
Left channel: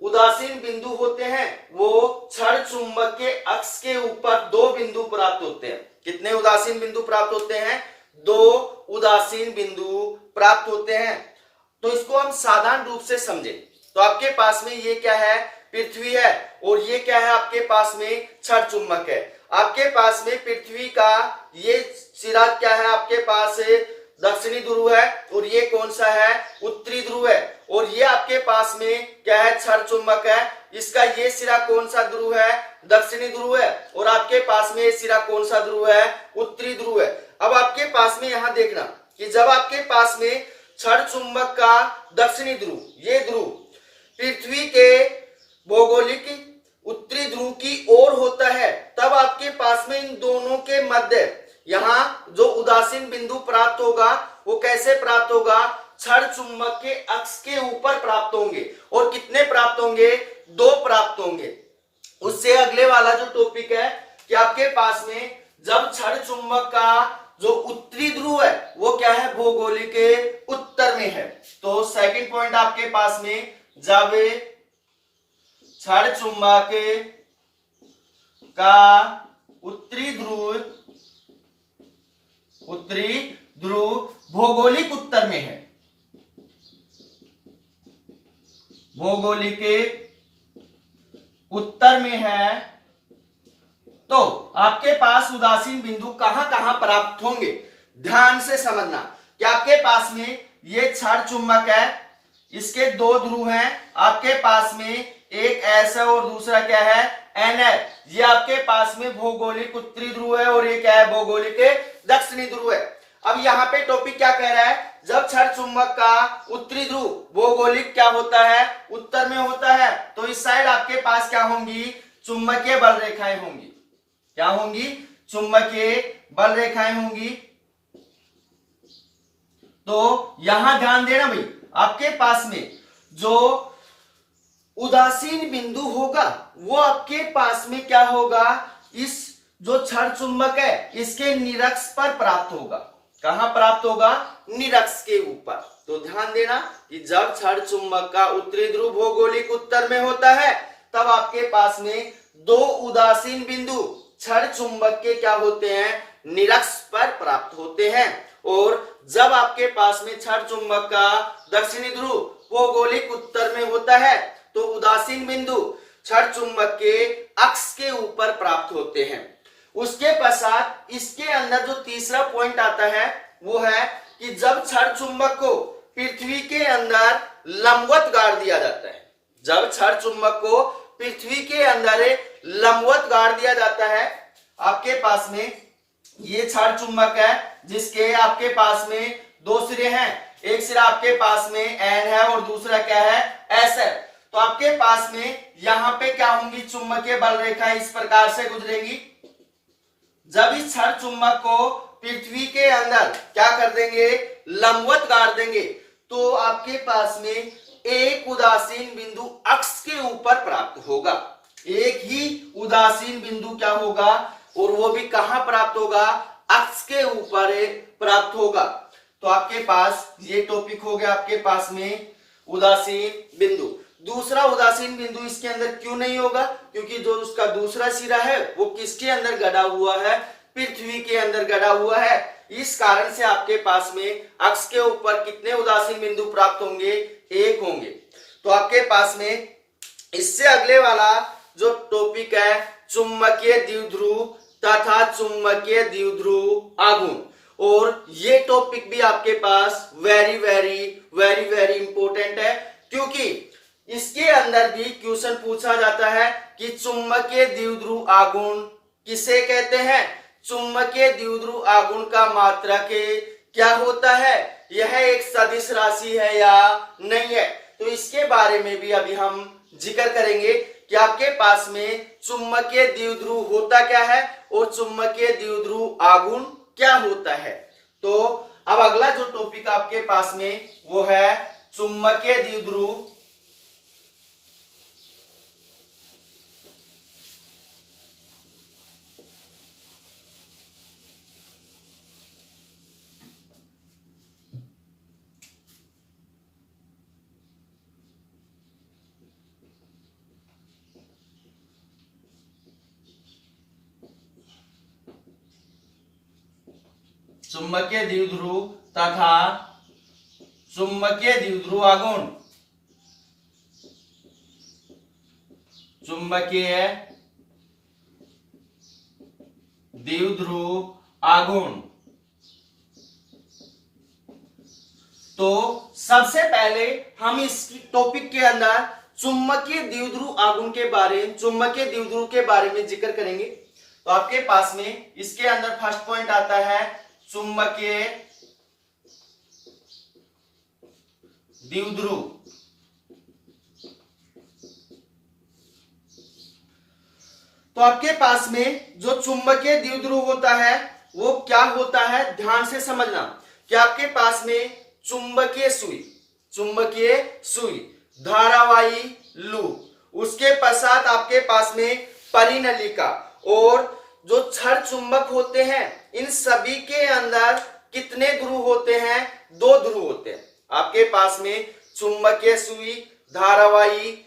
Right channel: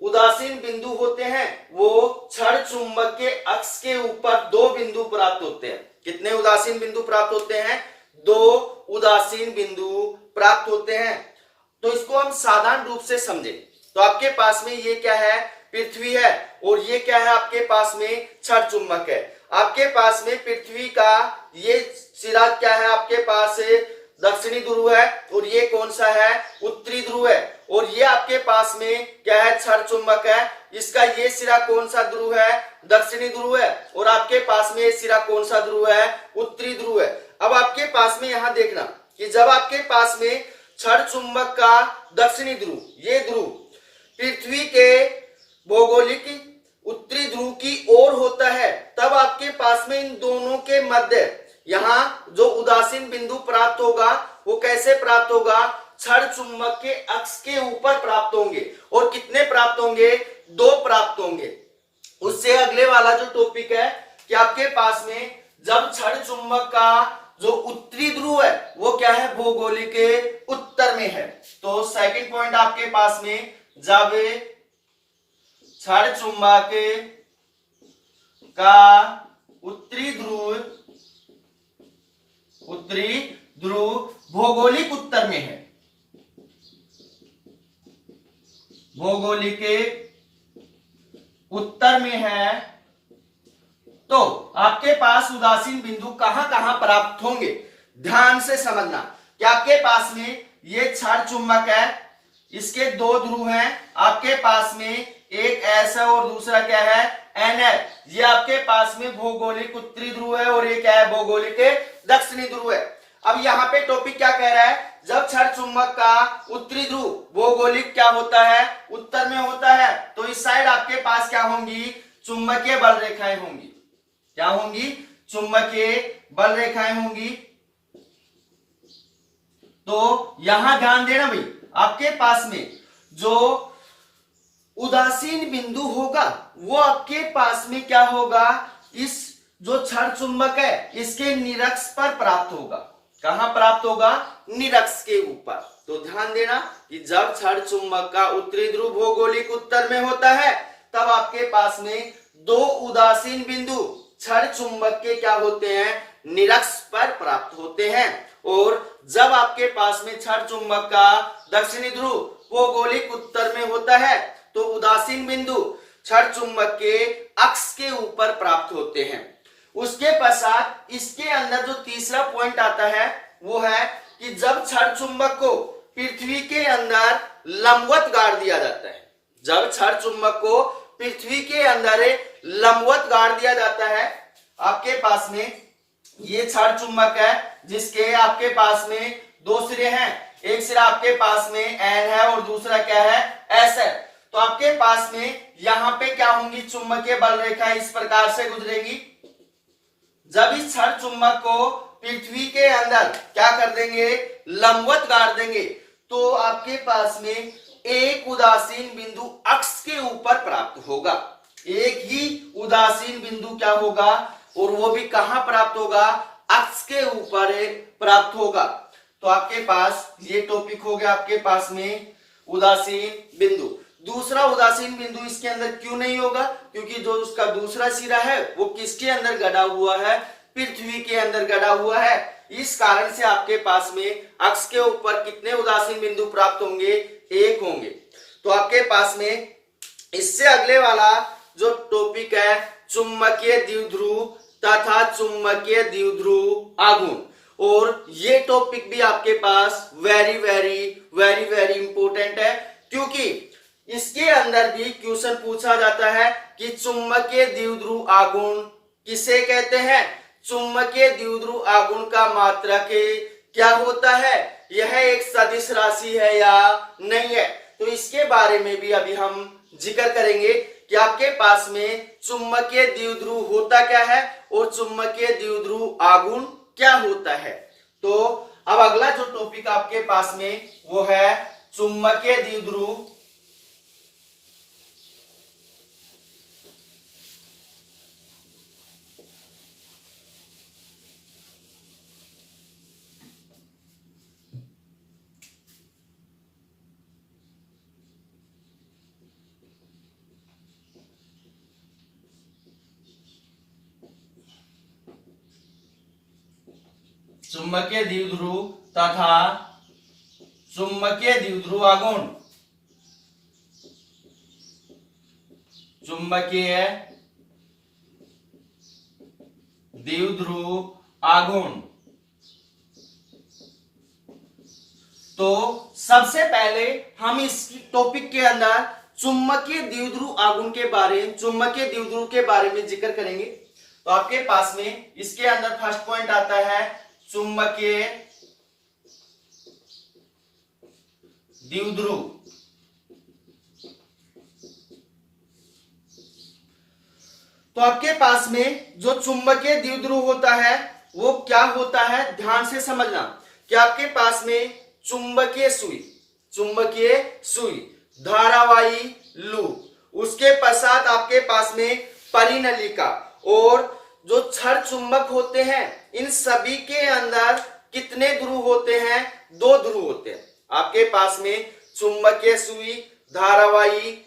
उदासीन बिंदु होते हैं वो क्षण चुंबक के अक्ष के ऊपर दो बिंदु प्राप्त होते हैं। कितने उदासीन बिंदु प्राप्त होते हैं, दो उदासीन बिंदु प्राप्त होते हैं। तो इसको हम साधारण रूप से समझें तो आपके पास में ये क्या है, पृथ्वी है, और ये क्या है आपके पास में, क्षण चुंबक है। आपके पास में पृथ्वी का ये सिरा क्या है, आपके पास दक्षिणी ध्रुव है, और ये कौन सा है, उत्तरी ध्रुव है। और ये आपके पास में क्या है, क्षण चुंबक है, इसका ये सिरा कौन सा ध्रुव है, दक्षिणी ध्रुव है, और आपके पास में ये सिरा कौन सा ध्रुव है, उत्तरी ध्रुव है। अब आपके पास में यहां देखना कि जब आपके पास में क्षण चुंबक का दक्षिणी ध्रुव, ये ध्रुव पृथ्वी के भौगोलिक उत्तरी ध्रुव की ओर होता है, तब आपके पास में इन दोनों के मध्य यहां जो उदासीन बिंदु प्राप्त होगा वो कैसे प्राप्त होगा, क्षण चुंबक के अक्ष के ऊपर प्राप्त होंगे। और कितने प्राप्त होंगे, 2 प्राप्त होंगे। उससे अगले वाला जो टॉपिक है कि आपके पास में जब क्षण चुंबक का जो उत्तरी ध्रुव है वो क्या है, भौगोलिक के उत्तर में है। तो सेकंड पॉइंट आपके पास में जब क्षण चुंबक का उत्तरी ध्रुव भौगोलिक उत्तर में है, भौगोलिक उत्तर में है, तो आपके पास उदासीन बिंदु कहां कहां प्राप्त होंगे। ध्यान से समझना कि आपके पास में ये क्षण चुंबक है, इसके 2 ध्रुव हैं, आपके पास में एक एस है और दूसरा क्या है, एन है। ये आपके पास में भौगोलिक उत्तरी ध्रुव है और ये क्या है, भौगोलिक दक्षिणी ध्रुव है। अब यहाँ पे टॉपिक क्या कह रहा है, जब क्षण चुंबक का उत्तरी ध्रुव भौगोलिक क्या होता है, उत्तर में होता है, तो इस साइड आपके पास क्या होंगी, चुंबकीय बल रेखाएं होंगी। क्या होंगी, चुंबकीय बल रेखाएं होंगी। तो यहां ध्यान देना भाई, आपके पास में जो उदासीन बिंदु होगा वो आपके पास में क्या होगा, इस जो क्षण चुंबक है इसके निरक्ष पर प्राप्त होगा। कहां प्राप्त होगा, निरक्ष के ऊपर। तो ध्यान देना कि जब क्षण चुंबक का उत्तरी ध्रुव भौगोलिक उत्तर में होता है तब आपके पास में 2 उदासीन बिंदु क्षण चुंबक के क्या होते हैं, निरक्ष पर प्राप्त होते हैं। और जब आपके पास में क्षण चुंबक का दक्षिणी ध्रुव भौगोलिक उत्तर में होता है तो उदासीन बिंदु क्षण चुंबक के अक्ष के ऊपर प्राप्त होते हैं। उसके पश्चात इसके अंदर जो तीसरा पॉइंट आता है वो है कि जब क्षण चुंबक को पृथ्वी के अंदर लंबवत गाड़ दिया जाता है, जब क्षण चुंबक को पृथ्वी के अंदर लंबवत गाड़ दिया जाता है, आपके पास में ये क्षण चुंबक है जिसके आपके पास में 2 सिरे हैं, एक सिरा आपके पास में एन है और दूसरा क्या है, एस है। तो आपके पास में यहां पे क्या होंगी, चुंबकीय बल रेखा इस प्रकार से गुजरेगी। जब इस क्षण चुंबक को पृथ्वी के अंदर क्या कर देंगे, लंबवत गाड़ देंगे, तो आपके पास में एक उदासीन बिंदु अक्ष के ऊपर प्राप्त होगा। एक ही उदासीन बिंदु क्या होगा, और वो भी कहां प्राप्त होगा, अक्ष के ऊपर प्राप्त होगा। तो आपके पास ये टॉपिक हो गया आपके पास में उदासीन बिंदु। दूसरा उदासीन बिंदु इसके अंदर क्यों नहीं होगा, क्योंकि जो उसका दूसरा सिरा है वो किसके अंदर गड़ा हुआ है, पृथ्वी के अंदर गड़ा हुआ है। इस कारण से आपके पास में अक्ष के ऊपर कितने उदासीन बिंदु प्राप्त होंगे, 1 होंगे। तो आपके पास में इससे अगले वाला जो टॉपिक है चुंबकीय द्विध्रुव तथा चुंबकीय द्विध्रुव आघूर्ण, और ये टॉपिक भी आपके पास very very very very important है, क्योंकि इसके अंदर भी क्वेश्चन पूछा जाता है कि चुंबकीय द्विध्रुव आघूर्ण किसे कहते हैं, चुंबकीय द्विध्रुव आघूर्ण का मात्रक क्या होता है, यह एक सदिश राशि है या नहीं है। तो इसके बारे में भी अभी हम जिक्र करेंगे कि आपके पास में चुंबकीय द्विध्रुव होता क्या है और चुंबकीय द्विध्रुव आघूर्ण क्या होता है। तो अब अगला जो टॉपिक आपके पास में वो है चुंबकीय द्विध्रुव चुंबकीय द्विध्रुव तथा चुंबकीय द्विध्रुव आघूर्ण, चुंबकीय द्विध्रुव आघूर्ण। तो सबसे पहले हम इस टॉपिक के अंदर चुंबकीय द्विध्रुव आघूर्ण के बारे में, चुंबकीय द्विध्रुव के बारे में जिक्र करेंगे। तो आपके पास में इसके अंदर फर्स्ट पॉइंट आता है चुंबकीय द्विध्रुव। तो आपके पास में जो चुंबकीय द्विध्रुव होता है वो क्या होता है, ध्यान से समझना कि आपके पास में चुंबकीय सुई, धारावाही लूप, उसके पश्चात आपके पास में परिनलिका, और जो क्षण चुंबक होते हैं इन सभी के अंदर कितने ध्रुव होते हैं, 2 ध्रुव होते हैं। आपके पास में चुंबकीय सुई, धारावाही,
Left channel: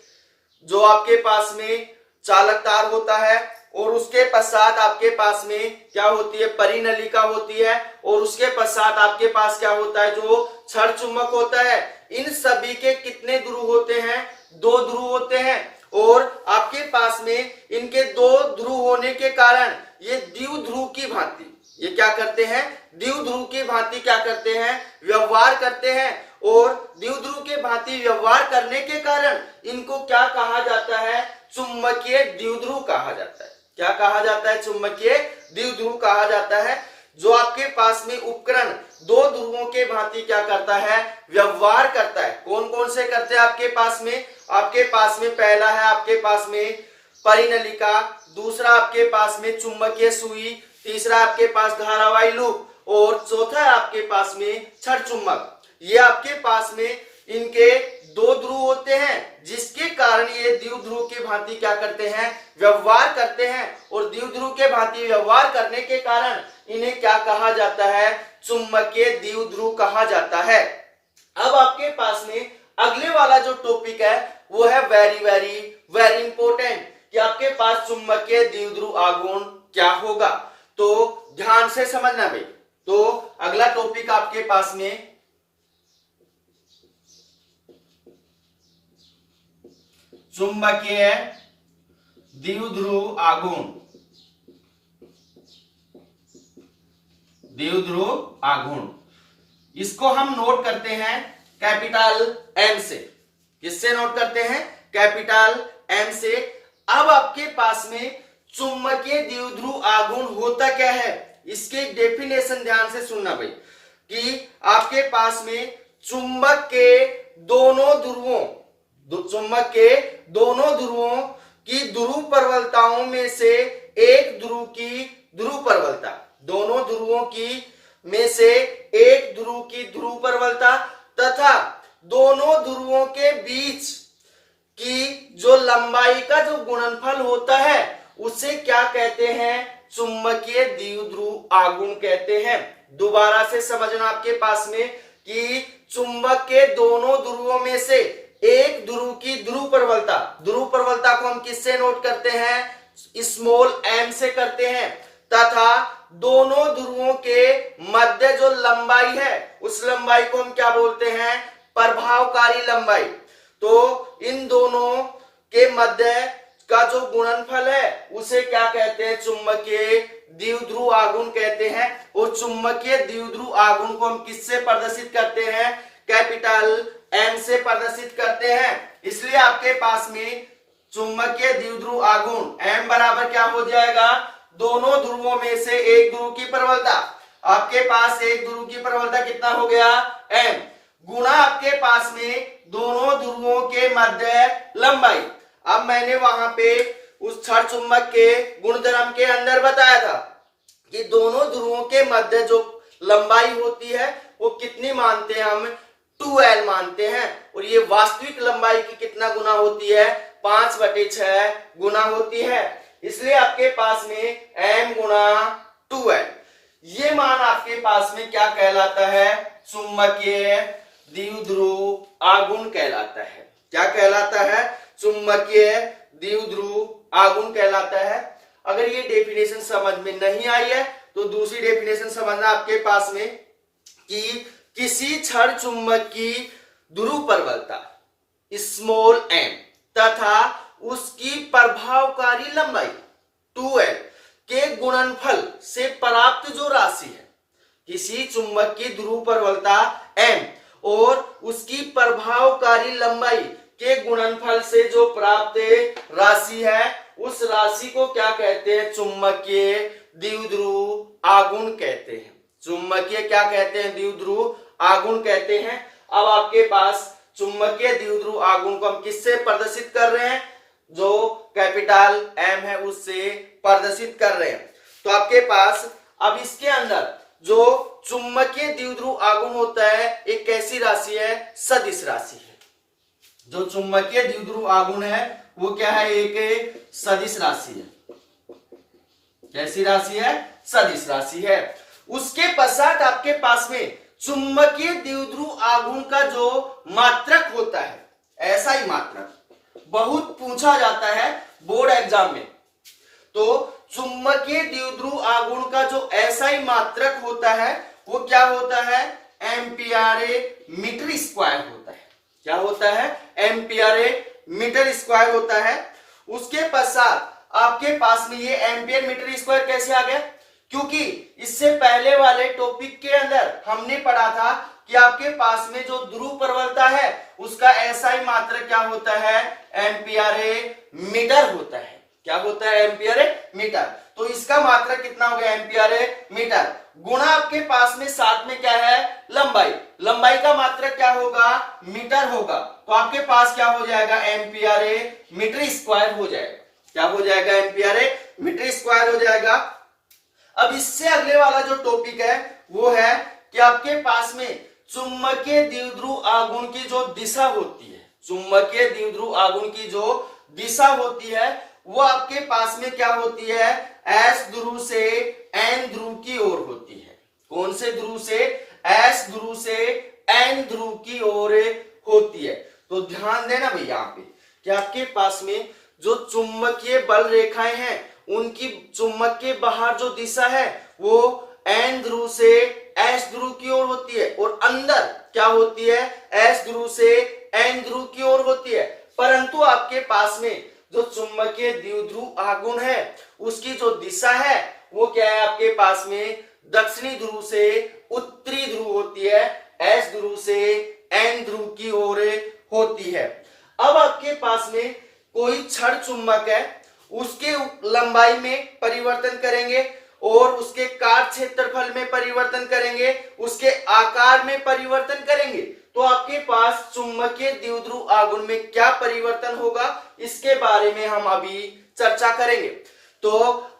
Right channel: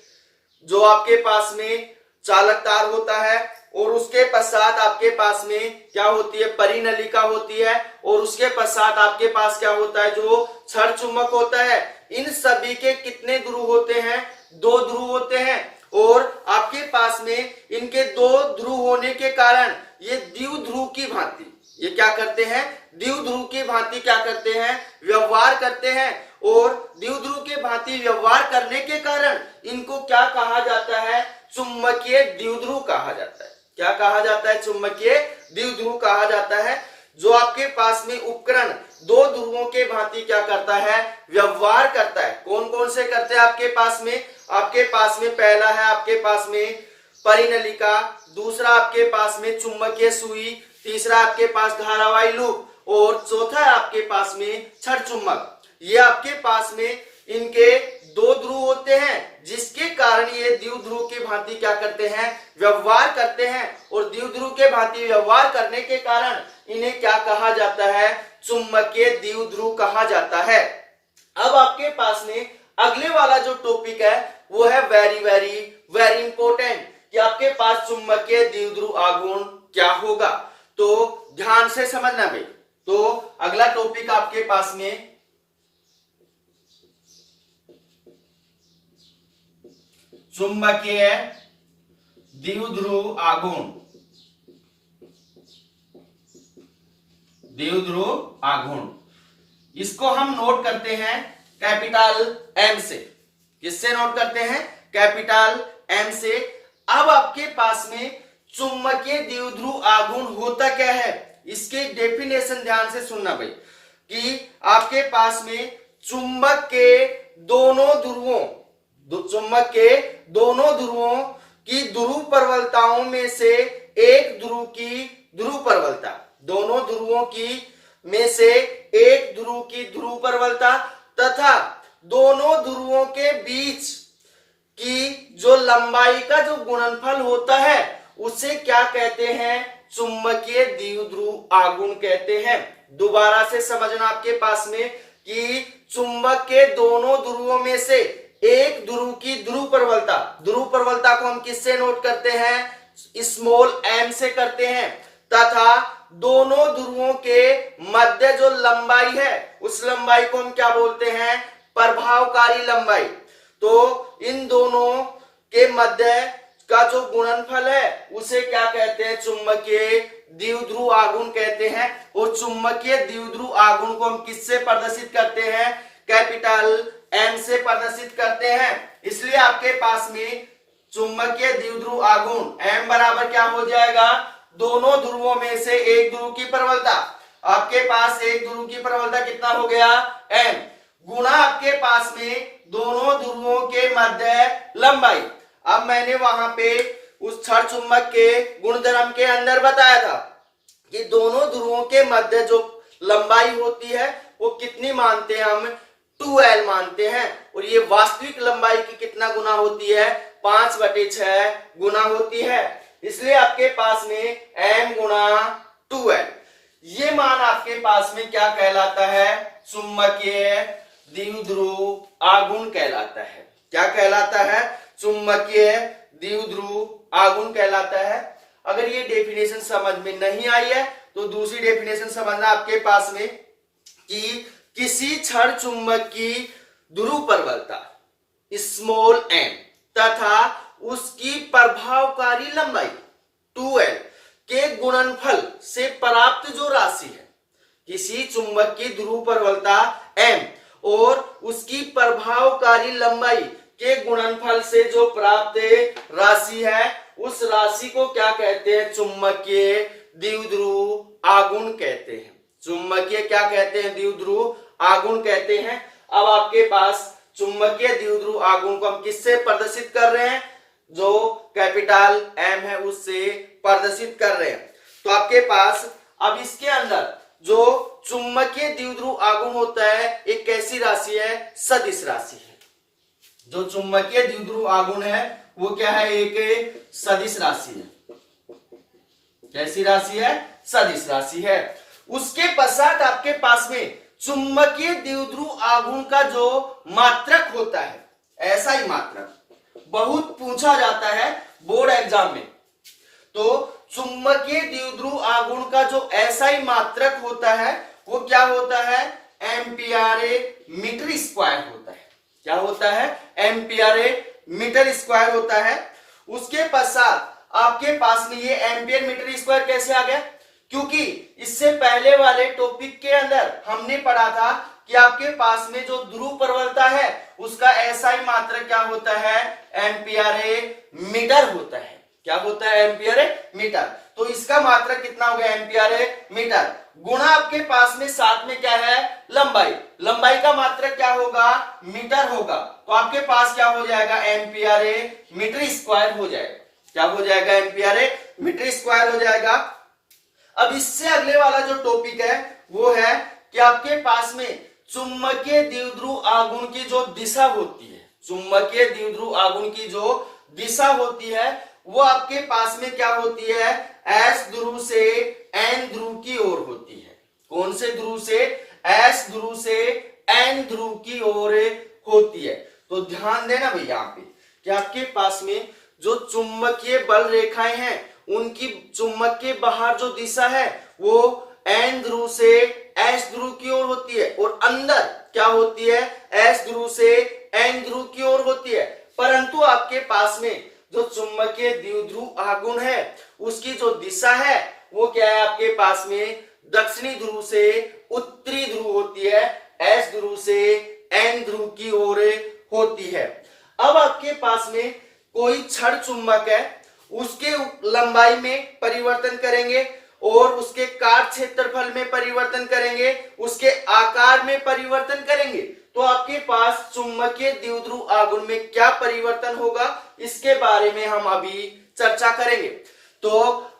जो आपके पास में चालक तार होता है, और उसके पश्चात आपके पास में क्या होती है, परिनलिका होती है, और उसके पश्चात आपके पास क्या होता है, जो क्षण चुंबक होता है। इन सभी के कितने ध्रुव होते हैं, 2 ध्रुव होते हैं। और आपके पास में इनके 2 ध्रुव होने के कारण ये द्विध्रुव की भांति, ये क्या करते हैं, द्विध्रुव की भांति क्या करते हैं, व्यवहार करते हैं। और द्विध्रुव के भांति व्यवहार करने के कारण इनको क्या कहा जाता है, चुंबकीय द्विध्रुव कहा जाता है। क्या कहा जाता है, चुंबकीय द्विध्रुव कहा जाता है। जो आपके पास में उपकरण 2 ध्रुवों के भांति क्या करता है, व्यवहार करता है। कौन कौन से करते हैं आपके पास में, आपके पास में पहला है आपके पास में परिनलिका, दूसरा आपके पास में चुंबकीय सुई, तीसरा आपके पास धारावाही लूप, और चौथा है आपके पास में क्षण चुंबक। ये आपके पास में इनके 2 ध्रुव होते हैं, जिसके कारण ये द्विध्रुव की भांति क्या करते हैं, व्यवहार करते हैं। और द्विध्रुव के भांति व्यवहार करने के कारण इन्हें क्या कहा जाता है, चुंबकीय द्विध्रुव कहा जाता है। अब आपके पास में अगले वाला जो टॉपिक है वो है वेरी वेरी वेरी इंपॉर्टेंट, कि आपके पास चुंबकीय द्विध्रुव आघूर्ण क्या होगा। तो ध्यान से समझना भाई। तो अगला टॉपिक आपके पास में चुंबकीय द्विध्रुव आघूर्ण, इसको हम नोट करते हैं कैपिटल एम से। किससे नोट करते हैं, कैपिटल एम से। अब आपके पास में चुंबकीय द्विध्रुव आघूर्ण होता क्या है, इसके डेफिनेशन ध्यान से सुनना भाई, कि आपके पास में चुंबक के दोनों ध्रुवों की ध्रुव प्रबलताओं में से एक ध्रुव की ध्रुव प्रबलता, दोनों ध्रुवों की में से एक ध्रुव की ध्रुव प्रबलता तथा दोनों ध्रुवों के बीच की जो लंबाई का जो गुणनफल होता है उसे क्या कहते हैं, चुंबकीय द्विध्रुव आघूर्ण कहते हैं। दोबारा से समझना आपके पास में कि चुंबक के दोनों ध्रुवों में से एक ध्रुव की ध्रुव प्रबलता को हम किससे नोट करते हैं, स्मॉल एम से करते हैं, तथा दोनों ध्रुवों के मध्य जो लंबाई है उस लंबाई को हम क्या बोलते हैं, प्रभावकारी लंबाई। तो इन दोनों के मध्य का जो गुणनफल है उसे क्या कहते हैं, चुंबकीय द्विध्रुव आघूर्ण कहते हैं। और चुंबकीय द्विध्रुव आघूर्ण को हम किससे प्रदर्शित करते हैं, कैपिटल एम से प्रदर्शित करते हैं। इसलिए आपके पास में चुंबकीय द्विध्रुव आघूर्ण एम बराबर क्या हो जाएगा, दोनों ध्रुवों में से एक ध्रुव की प्रबलता। आपके पास एक ध्रुव की प्रबलता कितना हो गया, एम, गुणा आपके पास में दोनों ध्रुवों के मध्य लंबाई। अब मैंने वहां पे उस क्षण चुंबक के गुणधर्म के अंदर बताया था कि दोनों ध्रुवों के मध्य जो लंबाई होती है वो कितनी मानते हैं हम, 2l मानते हैं। और ये वास्तविक लंबाई की कितना गुना होती है, 5/6 गुना होती है। इसलिए आपके पास में m गुना 2l, ये मान आपके पास में क्या कहलाता है, चुंबकीय द्विध्रुव आघूर्ण कहलाता है। क्या कहलाता है, चुंबकीय द्विध्रुव आघूर्ण कहलाता है। अगर ये डेफिनेशन समझ में नहीं आई है तो दूसरी डेफिनेशन समझना आपके पास में, कि किसी क्षण चुंबक की ध्रुव प्रबलता स्मॉल m तथा उसकी प्रभावकारी लंबाई 2l के गुणनफल से प्राप्त जो राशि है, किसी चुंबक की ध्रुव प्रबलता m और उसकी प्रभावकारी लंबाई के गुणनफल से जो प्राप्त राशि है उस राशि को क्या कहते हैं, चुंबकीय द्विध्रुव आघूर्ण कहते हैं। चुंबकीय क्या कहते हैं, द्विध्रुव आघूर्ण कहते हैं। अब आपके पास चुंबकीय द्विध्रुव आघूर्ण को हम किससे प्रदर्शित कर रहे हैं, जो कैपिटल एम है उससे प्रदर्शित कर रहे हैं। तो आपके पास अब इसके अंदर जो चुंबकीय द्विध्रुव आघूर्ण होता है एक कैसी राशि है, सदिश राशि है। जो चुंबकीय द्विध्रुव आघूर्ण है वो क्या है, एक सदिश राशि है। कैसी राशि है, सदिश राशि है। उसके पश्चात आपके पास में चुंबकीय द्विध्रुव आघूर्ण का जो मात्रक होता है, ऐसा ही मात्रक बहुत पूछा जाता है बोर्ड एग्जाम में। तो चुंबकीय द्विध्रुव आघूर्ण का जो एसआई मात्रक होता है वो क्या होता है, एम्पियर मीटर स्क्वायर होता है। क्या होता है, एम्पियर मीटर स्क्वायर होता है। उसके पश्चात आपके पास में ये एम्पियर मीटर स्क्वायर कैसे आ गया, क्योंकि इससे पहले वाले टॉपिक के अंदर हमने पढ़ा था कि आपके पास में जो ध्रुव प्रबलता है उसका एसआई मात्रक क्या होता है, एम्पियर मीटर होता है। क्या होता है, एम्पियर मीटर। तो इसका मात्रक कितना हो गया, एम्पियर मीटर, गुणा आपके पास में साथ में क्या है, लंबाई। लंबाई का मात्रक क्या होगा, मीटर होगा। तो आपके पास क्या हो जाएगा, एम्पियर मीटर स्क्वायर हो जाएगा। क्या हो जाएगा, एम्पियर मीटर स्क्वायर हो जाएगा। अब इससे अगले वाला जो टॉपिक है वो है कि आपके पास में चुंबकीय द्विध्रुव आघूर्ण की जो दिशा होती है, चुंबकीय द्विध्रुव आघूर्ण की जो दिशा होती है वो आपके पास में क्या होती है, एस ध्रुव से एन ध्रुव की ओर होती है। कौन से ध्रुव से, एस ध्रुव से एन ध्रुव की ओर होती है। तो ध्यान देना भैया यहाँ पे कि आपके पास में जो चुंबकीय बल रेखाएं हैं उनकी चुंबक के बाहर जो दिशा है वो एन ध्रुव से एस ध्रुव की ओर होती है और अंदर क्या होती है, एस ध्रुव से एन ध्रुव की ओर होती है। परंतु आपके पास में जो चुंबकीय द्विध्रुव आघूर्ण है उसकी जो दिशा है वो क्या है, आपके पास में दक्षिणी ध्रुव से उत्तरी ध्रुव होती है, एस ध्रुव से एन ध्रुव की ओर होती है। अब आपके पास में कोई छड़ चुंबक है, उसके लंबाई में परिवर्तन करेंगे और उसके कार्य क्षेत्रफल में परिवर्तन करेंगे, उसके आकार में परिवर्तन करेंगे, तो आपके पास चुंबकीय द्विध्रुव आघूर्ण में क्या परिवर्तन होगा इसके बारे में हम अभी चर्चा करेंगे। तो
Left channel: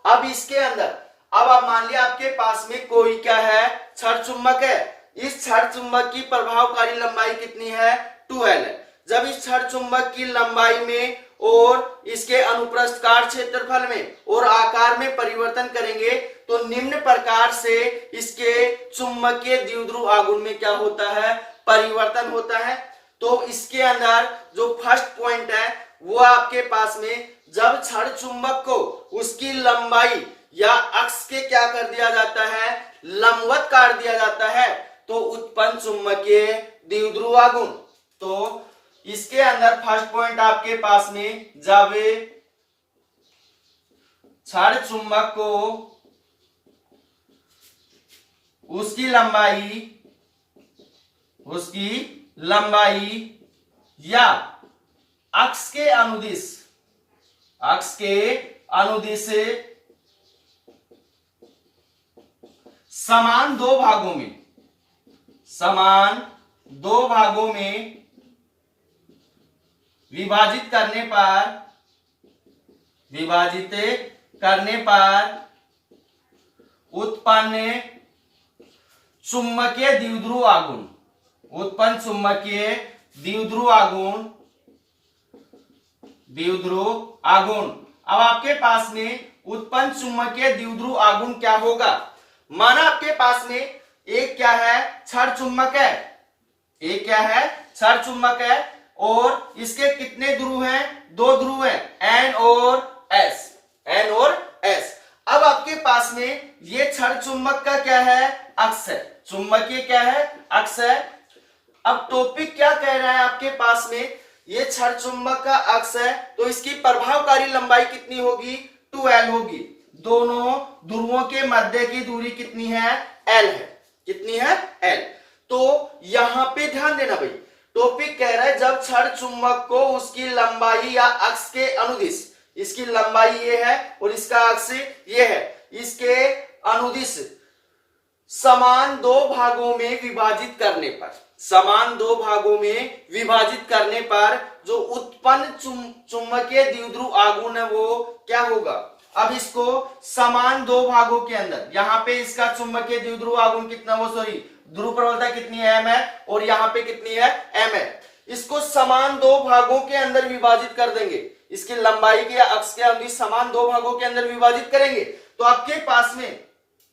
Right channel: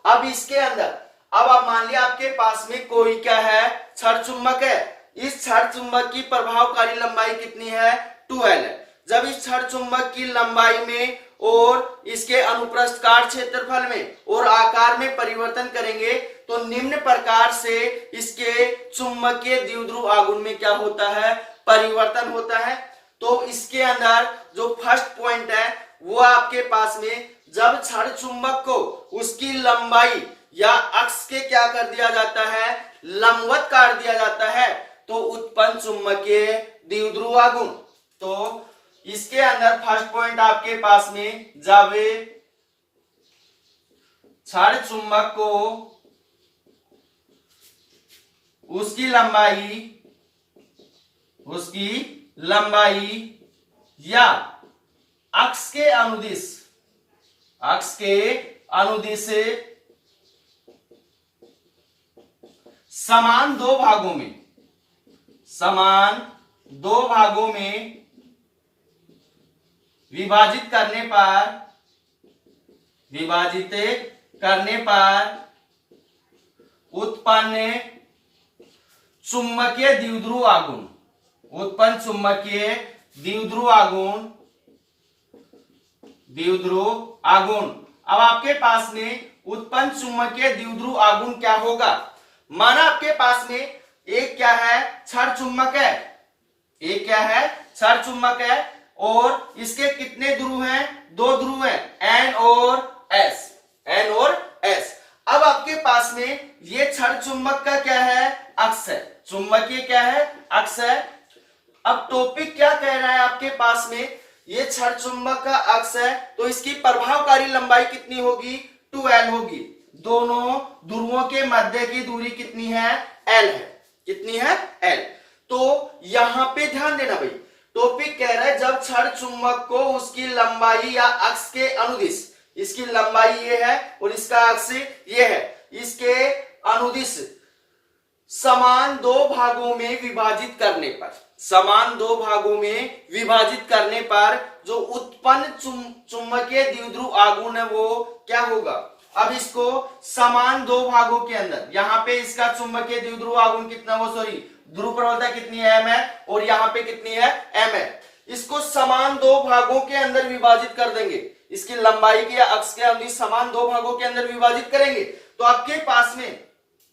अब इसके अंदर अब आप मान लिया आपके पास में कोई क्या है, छड़ चुंबक है। इस छड़ चुंबक की प्रभावकारी लंबाई कितनी है, 2L है। जब इस छड़ चुंबक की लंबाई में और इसके अनुप्रस्थ कार्य क्षेत्रफल में और आकार में परिवर्तन करेंगे तो निम्न प्रकार से इसके चुंबकीय द्विध्रुव आघूर्ण में क्या होता है, परिवर्तन होता है। तो इसके अंदर जो फर्स्ट पॉइंट है वो आपके पास में जब छड़ चुंबक को उसकी लंबाई या अक्ष के क्या कर दिया जाता है, लंबवत काट दिया जाता है, तो उत्पन्न चुंबकीय द्विध्रुव आघूर्ण। तो इसके अंदर फर्स्ट पॉइंट आपके पास में जब छड़ चुंबक को उसकी लंबाई या अक्ष के अनुदिश समान दो भागों में विभाजित करने पर उत्पन्न चुंबकीय द्विध्रुव आघूर्ण। अब आपके पास में उत्पन्न चुंबकीय द्विध्रुव आघूर्ण क्या होगा, माना आपके पास में एक क्या है, छड़ चुंबक है, एक क्या है, छड़ चुंबक है और इसके कितने ध्रुव हैं, 2 ध्रुव हैं, एन और एस। अब आपके पास में ये छड़ चुंबक का क्या है, अक्ष है, चुंबकीय क्या है, अक्ष है। अब टॉपिक क्या कह रहा है आपके पास में, ये छड़ चुंबक का अक्ष है तो इसकी प्रभावकारी लंबाई कितनी होगी, 2L होगी। दोनों ध्रुवों के मध्य की दूरी कितनी है, L है। कितनी है, L। तो यहां पे ध्यान देना भाई, टॉपिक कह रहा है जब छड़ चुंबक को उसकी लंबाई या अक्ष के अनुदिश, इसकी लंबाई ये है और इसका अक्ष ये है, इसके अनुदिश समान दो भागों में विभाजित करने पर, समान दो भागों में विभाजित करने पर जो उत्पन्न चुंबकीय द्विध्रुव आघूर्ण है वो क्या होगा। अब इसको समान दो भागों के अंदर, यहाँ पे इसका चुंबकीय द्विध्रुव आघूर्ण कितना, वो सॉरी ध्रुव प्रबलता कितनी है, m है, और यहाँ पे कितनी है, m है। इसको समान दो भागों के अंदर विभाजित कर देंगे, इसकी लंबाई के या अक्ष के अनुदिश समान दो भागों के अंदर विभाजित करेंगे तो आपके पास में,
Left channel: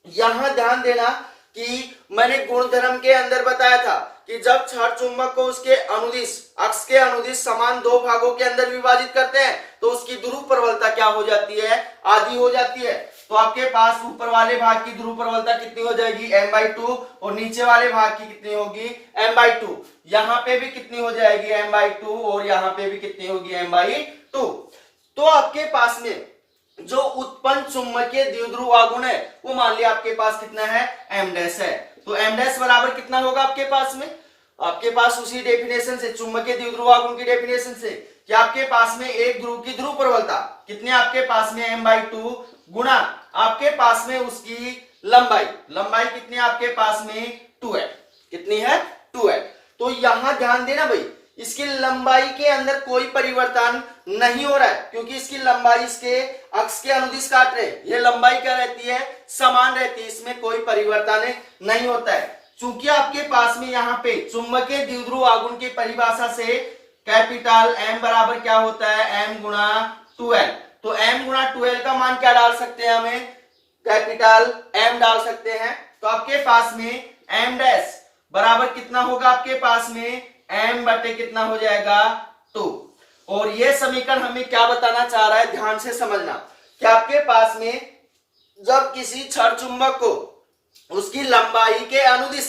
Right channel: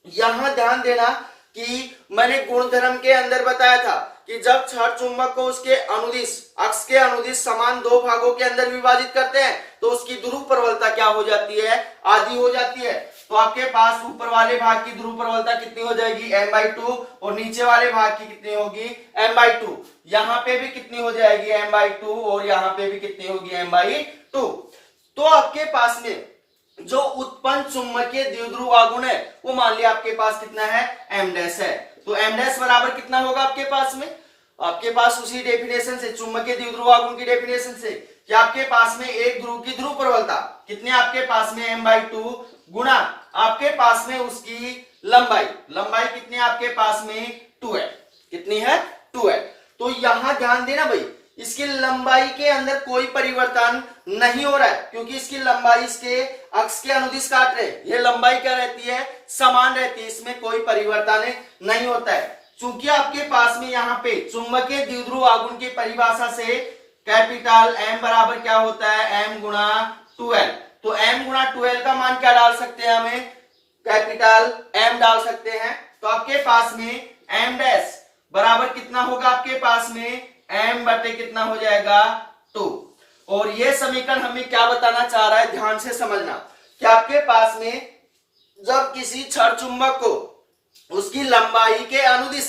यहां ध्यान देना कि मैंने गुणधर्म के अंदर बताया था कि जब क्षण चुंबक को उसके अनुदिश, अक्ष के अनुदिश समान दो भागों के अंदर विभाजित करते हैं तो उसकी ध्रुव प्रबलता क्या हो जाती है, आधी हो जाती है। तो आपके पास ऊपर वाले भाग की ध्रुव प्रबलता कितनी हो जाएगी, m/2, और नीचे वाले भाग की कितनी होगी, m/2। यहाँ पे भी कितनी हो जाएगी, m/2, और यहाँ पे भी कितनी होगी, m/2। तो आपके पास में जो उत्पन्न चुंबकीय द्विध्रुव आघूर्ण है वो मान लिया आपके पास कितना है, m डैश है। तो m डैश बराबर कितना होगा आपके पास में, आपके पास उसी डेफिनेशन से, चुंबकीय द्विध्रुव आघूर्ण की डेफिनेशन से कि आपके पास में एक ध्रुव की ध्रुव प्रबलता कितनी, आपके पास में m/2 गुणा आपके पास में उसकी लंबाई, लंबाई कितनी है आपके पास में, 2 है, कितनी है, 2 है। तो यहां ध्यान देना भाई, इसकी लंबाई के अंदर कोई परिवर्तन नहीं हो रहा है क्योंकि इसकी लंबाई इसके अक्ष के अनुदिश काट रहे, ये लंबाई क्या रहती है, समान रहती है, इसमें कोई परिवर्तन नहीं होता है। चूंकि आपके पास में यहाँ पे चुंबकीय द्विध्रुव आघूर्ण की परिभाषा से कैपिटल M बराबर क्या होता है, m गुणा 2l। तो m गुणा 2l का मान क्या डाल सकते हैं, हमें कैपिटल M डाल सकते हैं। तो आपके पास में m डैश बराबर कितना होगा, आपके पास में m बटे कितना हो जाएगा, 2। और ये समीकरण हमें क्या बताना चाह रहा है, ध्यान से समझना कि आपके पास में जब किसी क्षण चुंबक को उसकी लंबाई के अनुदिश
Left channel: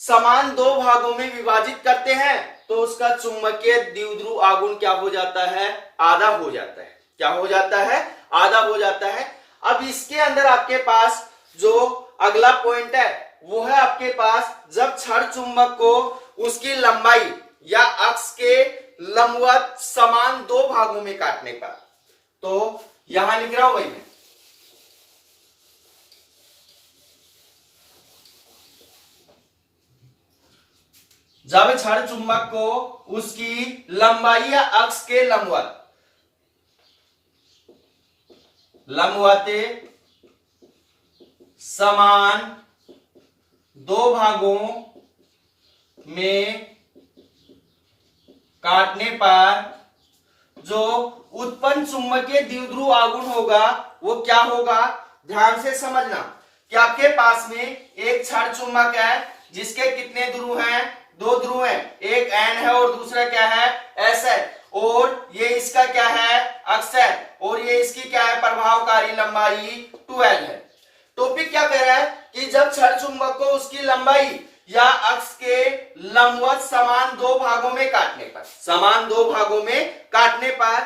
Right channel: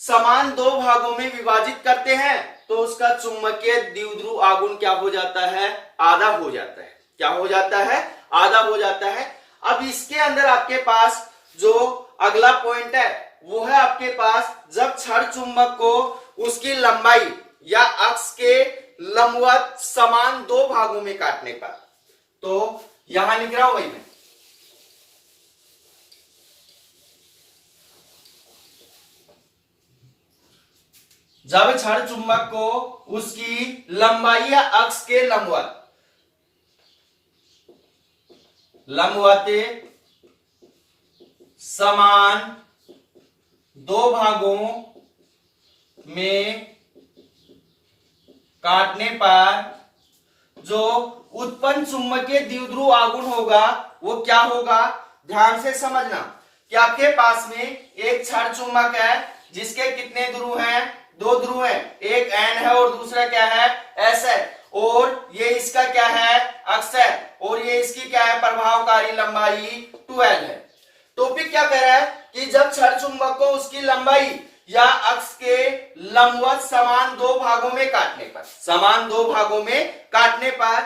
समान दो भागों में विभाजित करते हैं तो उसका चुंबकीय द्विध्रुव आघूर्ण क्या हो जाता है, आधा हो जाता है। क्या हो जाता है, आधा हो जाता है। अब इसके अंदर आपके पास जो अगला पॉइंट है वो है आपके पास जब क्षण चुंबक को उसकी लंबाई या अक्ष के लंबवत समान दो भागों में काटने पर, तो यहां लिख रहा हूं भाई मैं, जब क्षण चुंबक को उसकी लंबाई या अक्ष के लंबवत समान दो भागों में काटने पर जो उत्पन्न चुंबकीय द्विध्रुव आघूर्ण होगा वो क्या होगा, ध्यान से समझना कि आपके पास में एक क्षण चुंबक है जिसके कितने ध्रुव हैं, 2 ध्रुव हैं, एक N है और दूसरा क्या है, S है, और ये इसका क्या है, अक्ष है, और ये इसकी क्या है, प्रभावकारी लंबाई 2l है। टॉपिक क्या कह रहा है कि जब क्षण चुंबक को उसकी लंबाई या अक्ष के लंबवत समान दो भागों में काटने पर, समान दो भागों में काटने पर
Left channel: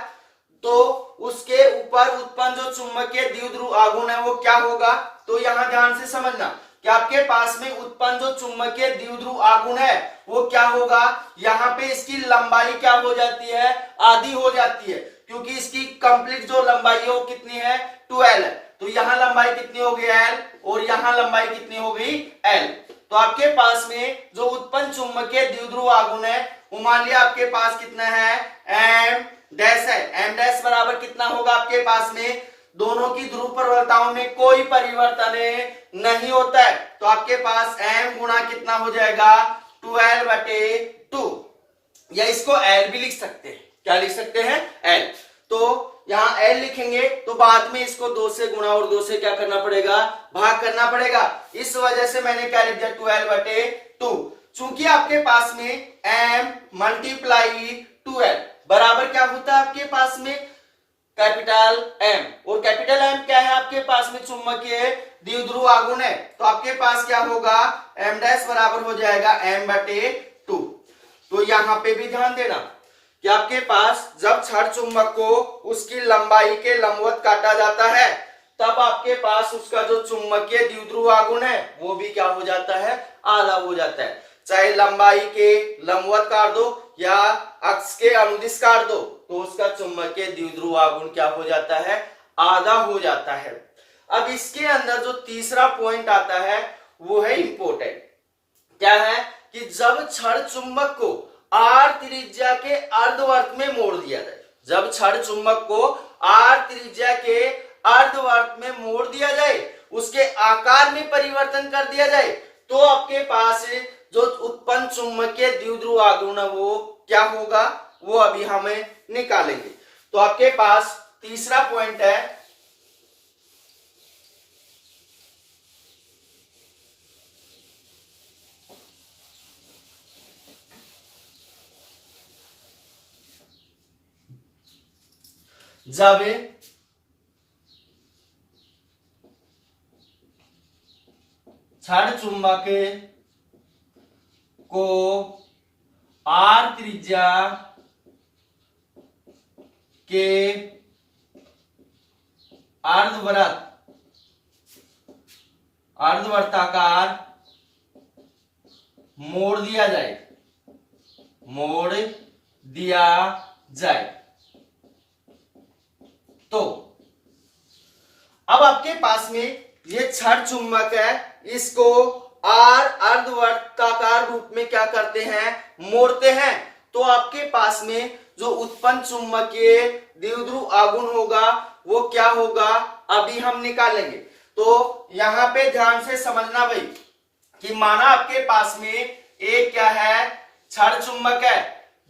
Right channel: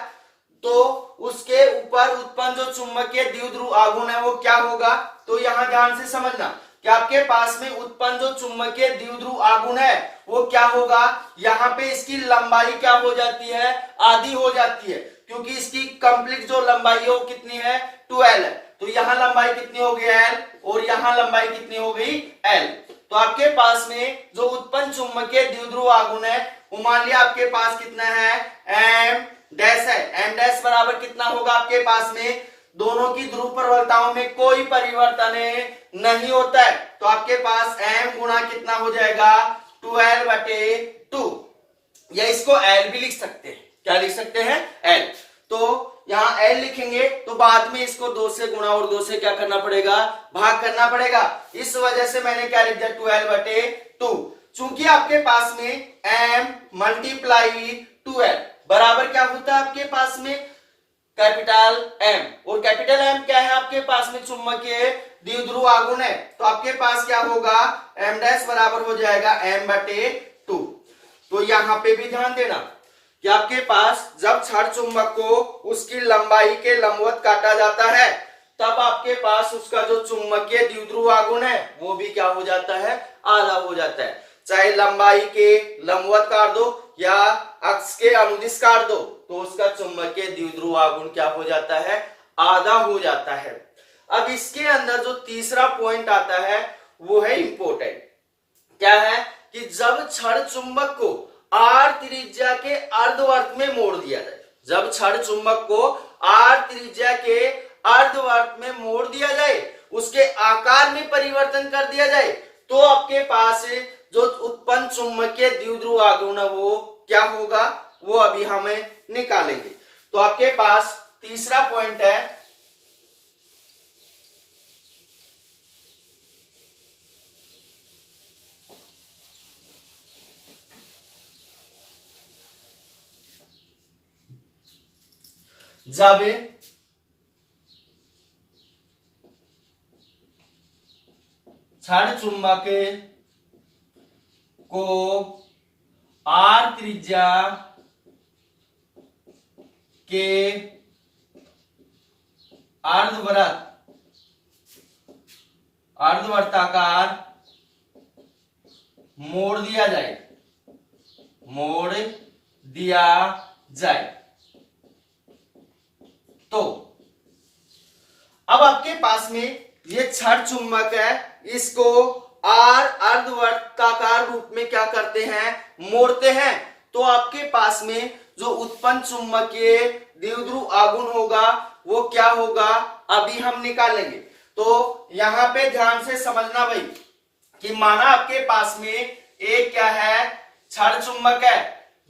तो उसके ऊपर उत्पन्न जो चुंबकीय द्विध्रुव आघूर्ण है वो क्या होगा। तो यहां ध्यान से समझना कि आपके पास में उत्पन्न जो चुंबकीय द्विध्रुव आघूर्ण है वो क्या होगा, यहाँ पे इसकी लंबाई क्या हो जाती है, आधी हो जाती है, क्योंकि इसकी कंप्लीट जो लंबाई है वो कितनी है, 2l है। तो यहाँ लंबाई कितनी हो गई, l, और यहाँ लंबाई कितनी हो गई, l। तो आपके पास में जो उत्पन्न चुंबकीय द्विध्रुव आघूर्ण है वो मान लिया आपके पास कितना है, m डैश है। m डैश बराबर कितना होगा, आपके पास में दोनों की ध्रुव प्रबलताओं में कोई परिवर्तन नहीं होता है, तो आपके पास m गुणा कितना हो जाएगा, 2l बटे 2, या इसको l भी लिख सकते हैं, क्या लिख सकते हैं, l। तो यहाँ l लिखेंगे तो बाद में इसको 2 से गुणा और 2 से क्या करना पड़ेगा, भाग करना पड़ेगा। इस वजह से मैंने क्या लिख दिया, 2l बटे 2। चूंकि आपके पास में m मल्टीप्लाई 2l बराबर क्या होता है आपके पास में, कैपिटल M, और कैपिटल M क्या है आपके पास में, चुंबकीय द्विध्रुव आघूर्ण है। तो आपके पास क्या होगा, m डैश बराबर हो जाएगा m बटे 2। तो यहाँ पे भी ध्यान देना कि आपके पास जब क्षण चुंबक को उसकी लंबाई के लंबवत काटा जाता है तब आपके पास उसका जो चुंबकीय द्विध्रुव आघूर्ण है वो भी क्या हो जाता है, आधा हो जाता है। चाहे लंबाई के लंबवत काट दो या अक्ष के अनुदिश काट दो तो उसका चुंबकीय द्विध्रुव आघूर्ण क्या हो जाता है, आधा हो जाता है। अब इसके अंदर जो तीसरा पॉइंट आता है वो है इंपॉर्टेंट। क्या है कि जब छड़ चुंबक को आर त्रिज्या के अर्धवर्त में मोड़ दिया जाए, जब छड़ चुंबक को आर त्रिज्या के अर्धवर्त में मोड़ दिया जाए, उसके आकार में परिवर्तन कर दिया जाए, तो आपके पास जो उत्पन्न चुंबकीय द्विध्रुव आघूर्ण है वो क्या होगा, वो अभी हमें निकालेंगे। तो आपके पास तीसरा पॉइंट है जब छड़ चुंबक को आर त्रिज्या के अर्धवर्ताकार मोड़ दिया जाए तो अब आपके पास में ये छड़ चुंबक है, इसको आर अर्धवर्ताकार रूप में क्या करते हैं, मोड़ते हैं। तो आपके पास में जो उत्पन्न चुंबकीय द्विध्रुव आघूर्ण होगा वो क्या होगा, अभी हम निकालेंगे। तो यहां पे ध्यान से समझना भाई कि माना आपके पास में एक क्या है, छड़ चुंबक है,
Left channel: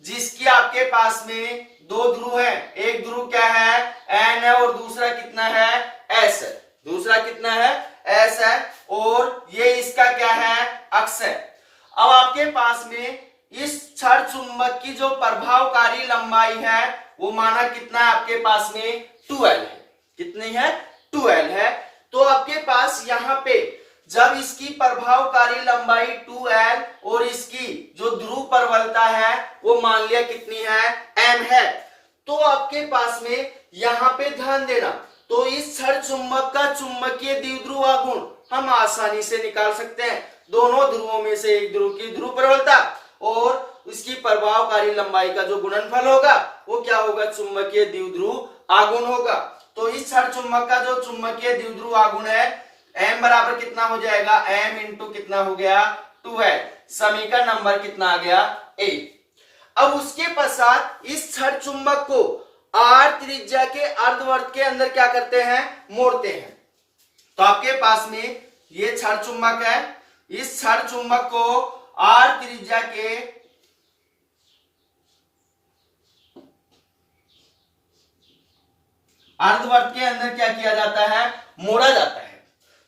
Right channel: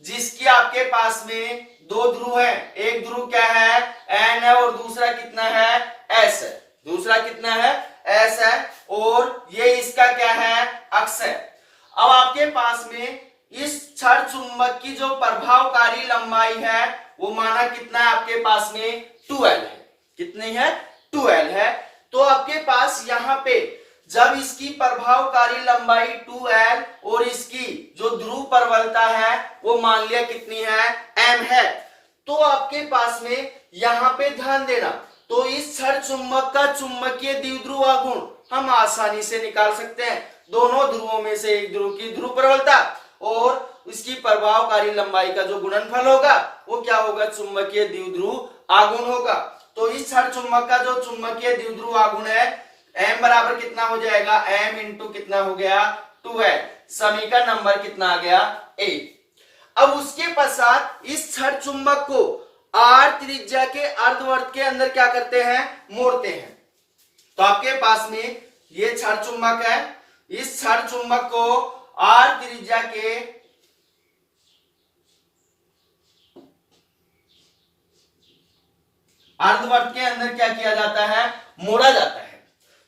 जिसकी आपके पास में दो ध्रुव है, एक ध्रुव क्या है, एन है, और दूसरा कितना है, एस है, दूसरा कितना है, एस है, और ये इसका क्या है, अक्ष है। अब आपके पास में इस छड़ चुंबक की जो प्रभावकारी लंबाई है वो माना कितना है, आपके पास में 2l है, कितनी है, 2l है। तो आपके पास यहाँ पे जब इसकी प्रभावकारी लंबाई 2l और इसकी जो ध्रुव प्रबलता है वो मान लिया कितनी है, m है, तो आपके पास में यहाँ पे ध्यान देना, तो इस छड़ चुंबक का चुंबकीय द्विध्रुव आघूर्ण हम आसानी से निकाल सकते हैं। दोनों ध्रुवों में से एक ध्रुव की ध्रुव प्रबलता और उसकी प्रभावकारी लंबाई का जो गुणनफल होगा वो क्या होगा, चुंबकीय द्विध्रुव आघूर्ण होगा। तो इस छड़ चुंबक का जो चुंबकीय द्विध्रुव आघूर्ण है m बराबर कितना हो जाएगा, m इंटू कितना हो गया, 2 है। समीकरण नंबर कितना आ गया, 8। अब उसके पश्चात इस छड़ चुंबक को आर त्रिज्या के अर्धवर्त के अंदर क्या करते हैं, मोड़ते हैं। तो आपके पास में ये छड़ चुंबक है, इस छड़ चुंबक को आर त्रिज्या के अर्धवर्त के अंदर क्या किया जाता है, मोड़ा जाता है।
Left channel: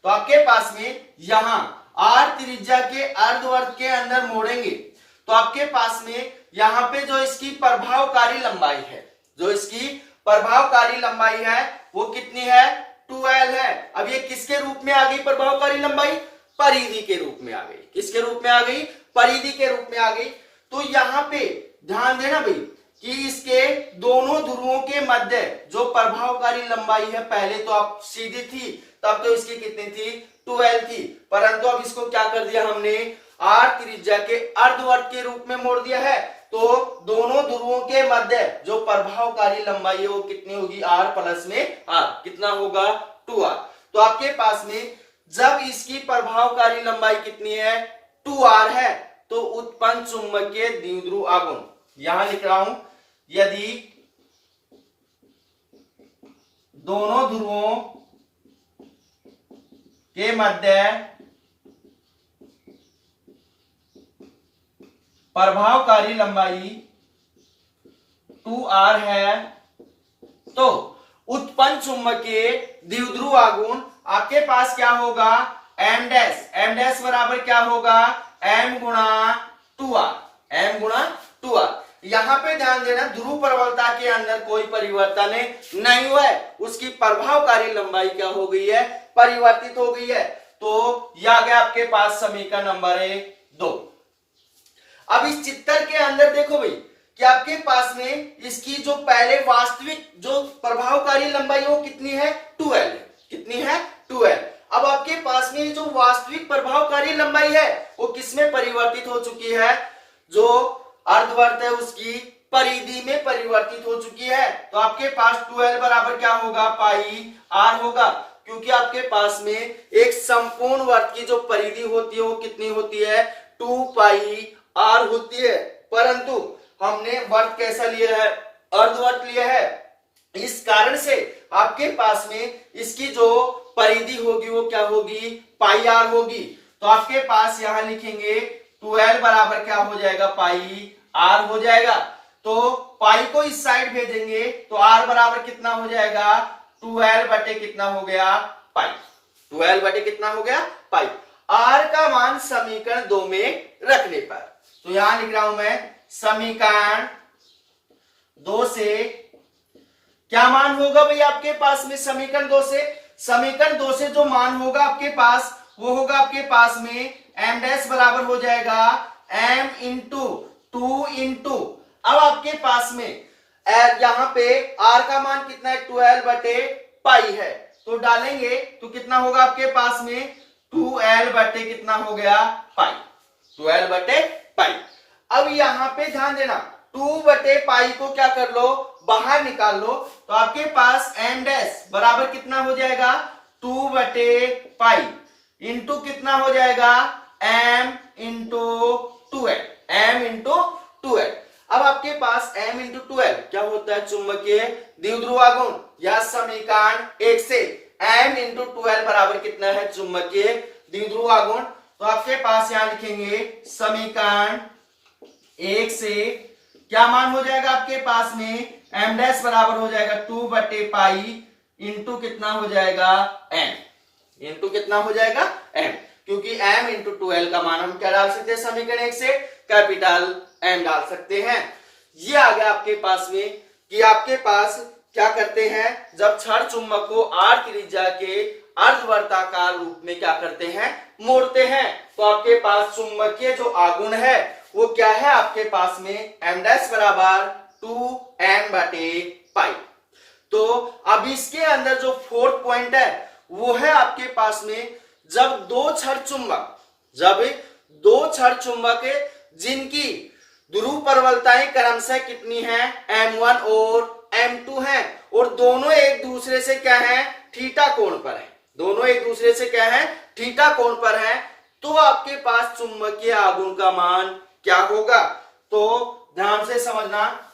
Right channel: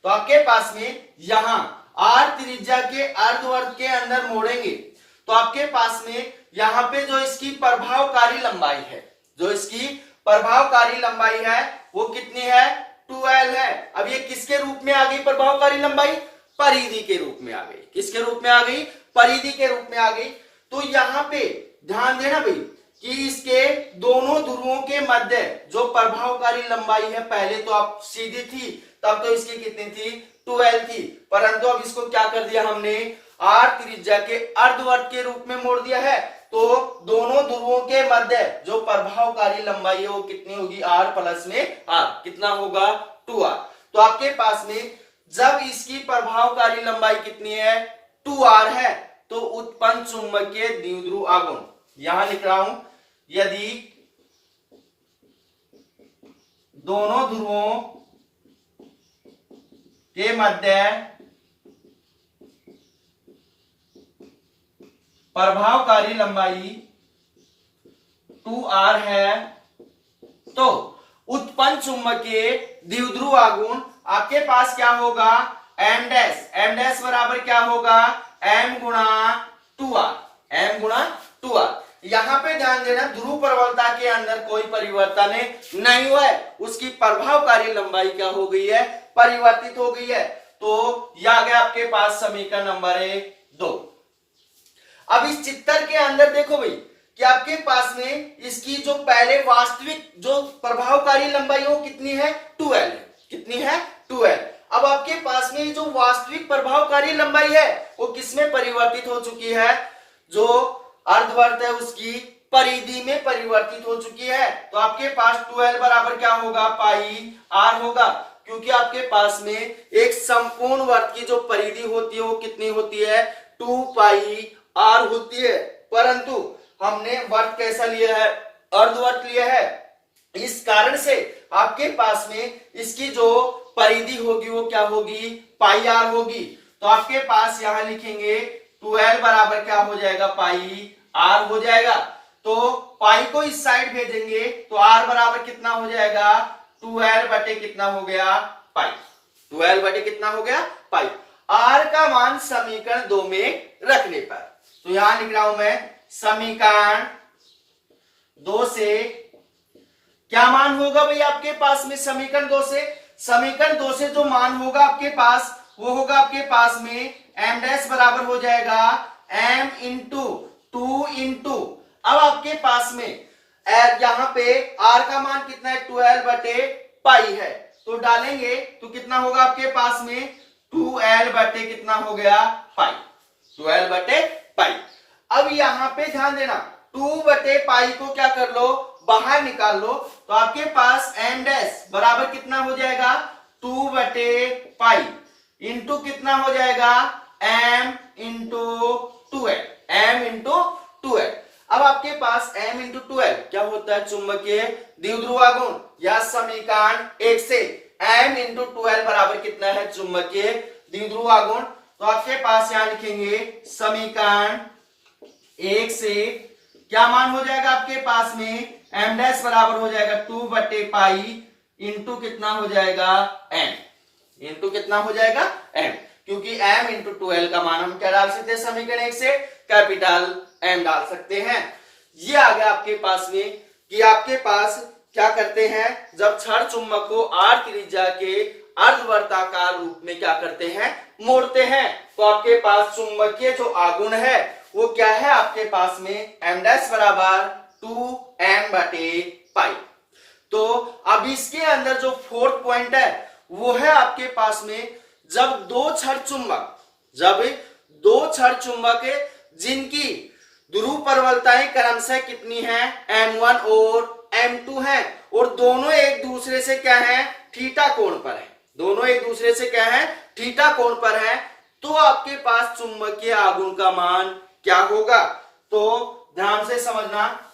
तो आपके पास में यहां आर त्रिज्या के अर्धवर्त के अंदर मोड़ेंगे तो आपके पास में यहां पे जो इसकी प्रभावकारी लंबाई है, जो इसकी प्रभावकारी लंबाई है वो कितनी है, 2l है। अब ये किसके रूप में आ गई प्रभावकारी लंबाई, परिधि के रूप में आ गई। किसके रूप में आ गई, परिधि के रूप में आ गई। तो यहाँ पे ध्यान देना भाई कि इसके दोनों ध्रुवों के मध्य जो प्रभावकारी लंबाई है, पहले तो आप सीधी थी, तब तो इसकी कितनी थी, 2l थी, परंतु अब इसको क्या कर दिया हमने, आर त्रिज्या के अर्धवर्त के रूप में मोड़ दिया है। तो दोनों ध्रुवों के मध्य जो प्रभावकारी लंबाई है वो कितनी होगी, r प्लस में r, कितना होगा, 2r। तो आपके पास में जब इसकी प्रभावकारी लंबाई कितनी है, 2r है, तो उत्पन्न चुंबकीय द्विध्रुव आघूर्ण, यहां लिख रहा हूं, यदि दोनों ध्रुवों के मध्य प्रभावकारी लंबाई 2r है तो उत्पन्न चुंबकीय द्विध्रुव आघूर्ण आपके पास क्या होगा, m डैश बराबर क्या होगा, m गुणा 2r, m गुणा 2r। यहां पे ध्यान देना ध्रुव प्रबलता के अंदर कोई परिवर्तन नहीं हुआ है, उसकी प्रभावकारी लंबाई क्या हो गई है, परिवर्तित हो गई है। तो यह आ गया आपके पास समीकरण नंबर 2। अब इस चित्र के अंदर देखो भाई कि आपके पास में इसकी जो पहले वास्तविक जो प्रभावकारी लंबाई है वो कितनी है, 2l है, कितनी है, 2l। अब आपके पास में जो वास्तविक प्रभावकारी लंबाई है वो किसमें परिवर्तित हो चुकी है, जो अर्धवर्त है उसकी परिधि में परिवर्तित हो चुकी है। तो आपके पास 2l बराबर क्या होगा, पाई r होगा, क्योंकि आपके पास में एक संपूर्ण वर्त की जो परिधि होती है वो कितनी होती है, 2 पाई r होती है। परंतु हमने वर्त कैसा लिया है, अर्धवर्त लिया है। इस कारण से आपके पास में इसकी जो परिधि होगी वो क्या होगी, पाई r होगी। तो आपके पास यहां लिखेंगे 12 बराबर क्या हो जाएगा, पाई r हो जाएगा। तो पाई को इस साइड भेजेंगे तो r बराबर कितना हो जाएगा, 12 बटे कितना हो गया, पाई। 12 बटे कितना हो गया, पाई। r का मान समीकरण 2 में रखने पर, तो यहां लिख रहा हूं मैं समीकरण 2 से क्या मान होगा भाई आपके पास में, समीकरण 2 से, समीकरण 2 से जो मान होगा आपके पास वो होगा आपके पास में m डैश बराबर हो जाएगा m इंटू 2 इंटू, अब आपके पास में यहां पे r का मान कितना है, 12 बटे पाई है, तो डालेंगे तो कितना होगा आपके पास में 2l बटे कितना हो गया, पाई। 12 बटे पाई। अब यहां पे ध्यान देना, 2 बटे पाई को क्या कर लो, बाहर निकाल लो, तो आपके पास m डैश बराबर कितना हो जाएगा, 2 बटे पाई इंटू कितना हो जाएगा, m into 2l, m into 2l। अब आपके पास m इंटू 2l क्या होता है, चुंबकीय द्विध्रुव गुण, या समीकरण 1 से m इंटू 2l बराबर कितना है, चुंबकीय द्विध्रुव गुण। तो आपके पास यहां लिखेंगे समीकरण 1 से क्या मान हो जाएगा आपके पास में, m डैश बराबर हो जाएगा 2 बटे पाई इंटू कितना हो जाएगा, m इंटू कितना हो जाएगा, m, क्योंकि m इंटू 2l का मान हम क्या डाल सकते हैं, समीकरण 1 से कैपिटल M डाल सकते हैं। ये आ गया आपके पास में कि आपके पास क्या करते हैं, जब क्षण चुंबक को r त्रिज्या के अर्धवर्ताकार रूप में क्या करते हैं, मोड़ते हैं, तो आपके पास चुंबकीय जो आघूर्ण है वो क्या है आपके पास में, m डैश बराबर 2m बटे पाई। तो अब इसके अंदर जो फोर्थ पॉइंट है वो है आपके पास में, जब दो क्षण चुंबक जिनकी ध्रुव प्रबलताएं क्रमशः कितनी हैं, m1 और m2 हैं, और दोनों एक दूसरे से क्या है, थीटा कोण पर है, दोनों एक दूसरे से क्या है, थीटा कोण पर है, तो आपके पास चुंबकीय आघूर्ण का मान क्या होगा। तो ध्यान से समझना,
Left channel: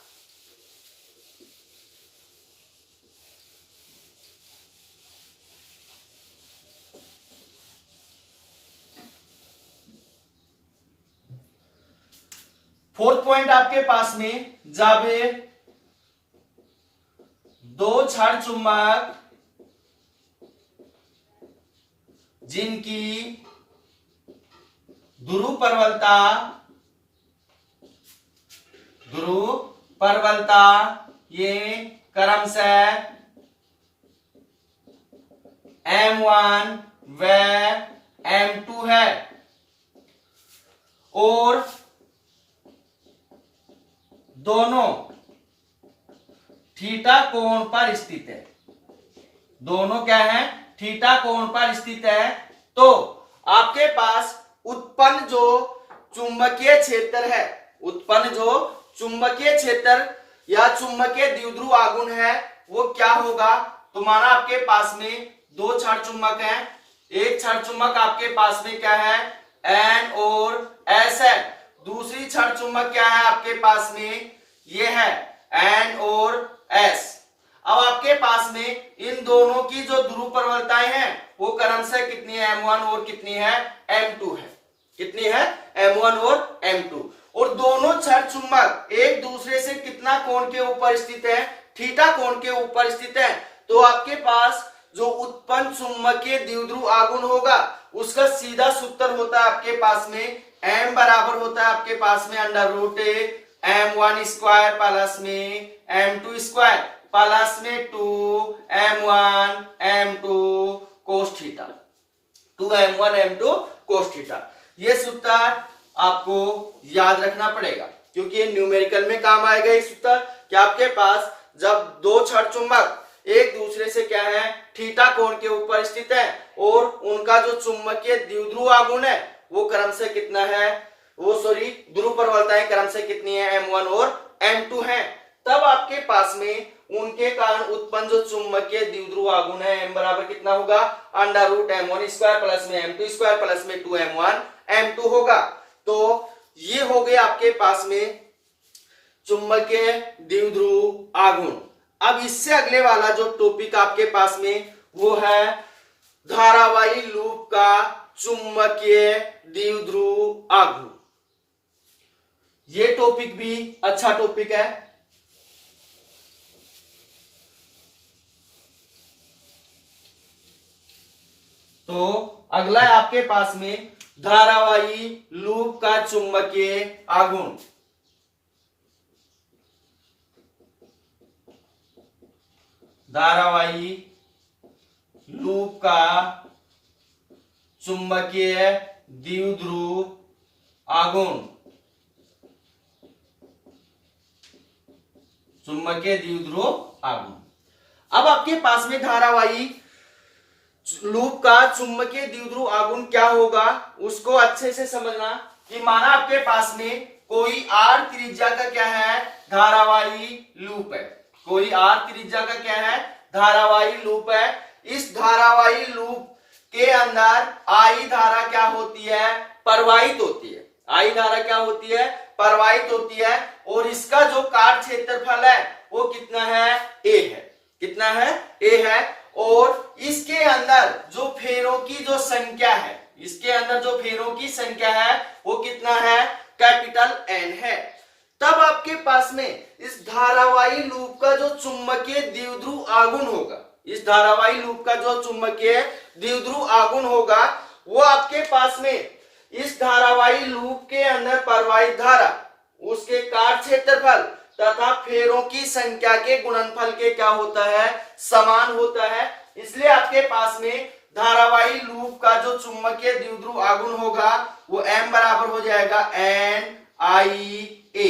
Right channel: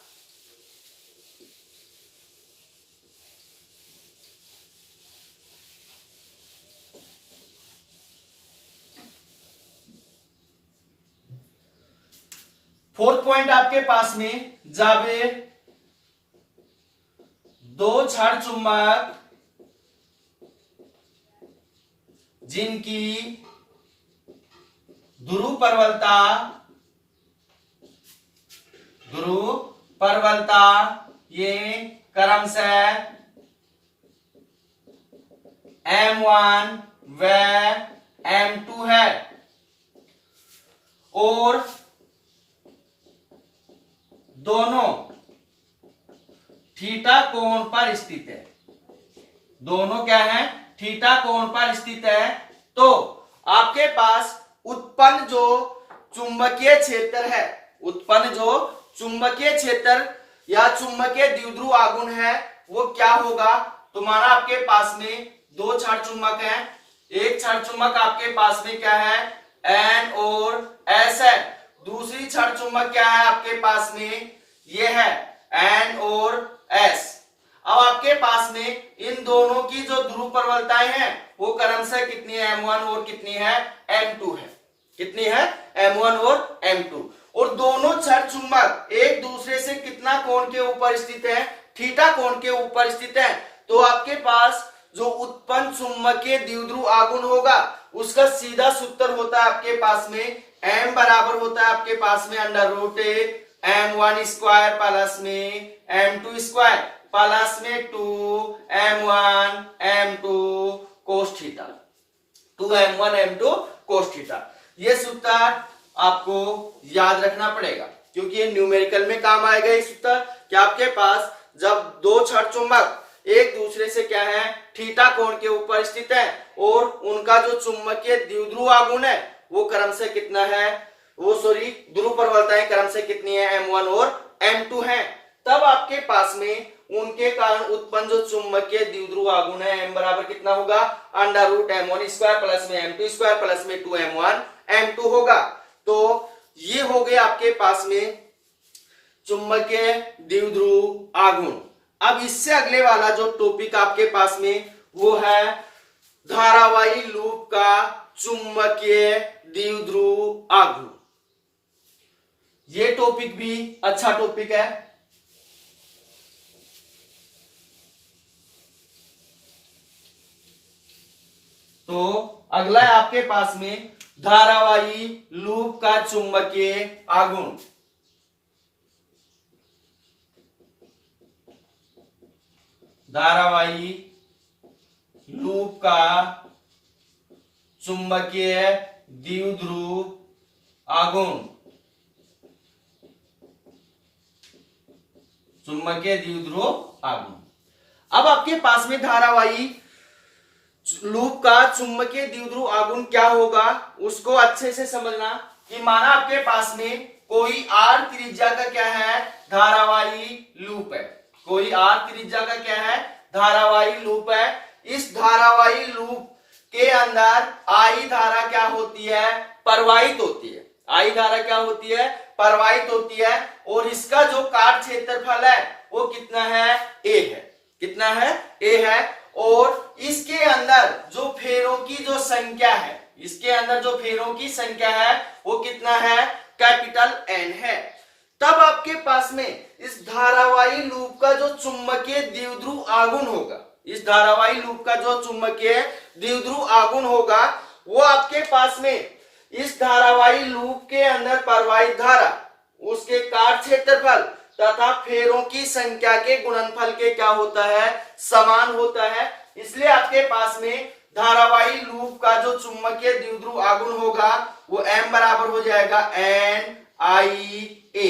फोर्थ पॉइंट आपके पास में, जब दो क्षण चुंबक जिनकी ध्रुव प्रबलता ये क्रमशः m1 व m2 है और दोनों थीटा कोण पर स्थित है, दोनों क्या है, थीटा कोण पर स्थित है, तो आपके पास उत्पन्न जो चुंबकीय क्षेत्र है, उत्पन्न जो चुंबकीय क्षेत्र या चुंबकीय द्विध्रुव आघूर्ण है वो क्या होगा, तुम्हारा आपके पास में दो क्षण चुंबक हैं, एक क्षण चुंबक आपके पास में क्या है, N और S है, दूसरी क्षण चुंबक क्या है आपके पास में, ये है N और S। अब आपके पास में इन दोनों की जो ध्रुव प्रबलताएं हैं वो क्रमशः कितनी है, m1 और कितनी है, m2 है, कितनी है, m1 और m2, और दोनों क्षण चुंबक एक दूसरे से कितना कोण के ऊपर स्थित है, थीटा कोण के ऊपर स्थित है, तो आपके पास जो उत्पन्न चुंबकीय द्विध्रुव आघूर्ण होगा उसका सीधा सूत्र होता है आपके पास में, m बराबर होता है आपके पास में under root m1 square plus में m2 स्क्वायर प्लस में 2m1 m2 cos theta, 2m1 m2 cos theta. ये सूत्र आपको याद रखना पड़ेगा क्योंकि ये न्यूमेरिकल में काम आएगा। ये सूत्र कि आपके पास जब दो क्षण चुंबक एक दूसरे से क्या है, थीटा कोण के ऊपर स्थित है और उनका जो चुंबकीय द्विध्रुव आघूर्ण है वो क्रमशः कितना है, वो ध्रुव प्रबलताएं क्रमशः कितनी है, m1 और m2 है, तब आपके पास में उनके कारण उत्पन्न जो चुंबकीय द्विध्रुव आघूर्ण है m बराबर कितना होगा, √m1² प्लस में m2² प्लस में 2m1 m2 होगा। तो ये हो गए आपके पास में चुंबकीय द्विध्रुव आघूर्ण। अब इससे अगले वाला जो टॉपिक आपके पास में वो है धारावाही लूप का चुंबकीय द्विध्रुव आघूर्ण। ये टॉपिक भी अच्छा टॉपिक है। तो अगला है आपके पास में धारावाही लूप का चुंबकीय आघूर्ण। धारावाही लूप का चुंबकीय द्विध्रुव आघूर्ण। चुंबकीय द्विध्रुव आघूर्ण। अब आपके पास में धारावाही लूप का चुंबकीय द्विध्रुव आघूर्ण क्या होगा उसको अच्छे से समझना कि माना आपके पास में कोई r त्रिज्या का क्या है, धारावाही लूप है। कोई r त्रिज्या का क्या है, धारावाही लूप है। इस धारावाही लूप के अंदर I धारा क्या होती है, प्रवाहित होती है। I धारा क्या होती है, प्रवाहित होती है। और इसका जो काट क्षेत्रफल है वो कितना है, A है। कितना है, A है। और इसके अंदर जो फेरों की जो संख्या है, इसके अंदर जो फेरों की संख्या है वो कितना है, कैपिटल N है। तब आपके पास में इस धारावाही लूप का जो चुंबकीय द्विध्रुव आघूर्ण होगा, इस धारावाही लूप का जो चुंबकीय द्विध्रुव आघूर्ण होगा वो आपके पास में इस धारावाही लूप के अंदर प्रवाहित धारा, उसके काट क्षेत्रफल तथा फेरों की संख्या के गुणनफल के क्या होता है, समान होता है। इसलिए आपके पास में धारावाही लूप का जो चुंबकीय द्विध्रुव आघूर्ण होगा वो m बराबर हो जाएगा NIA।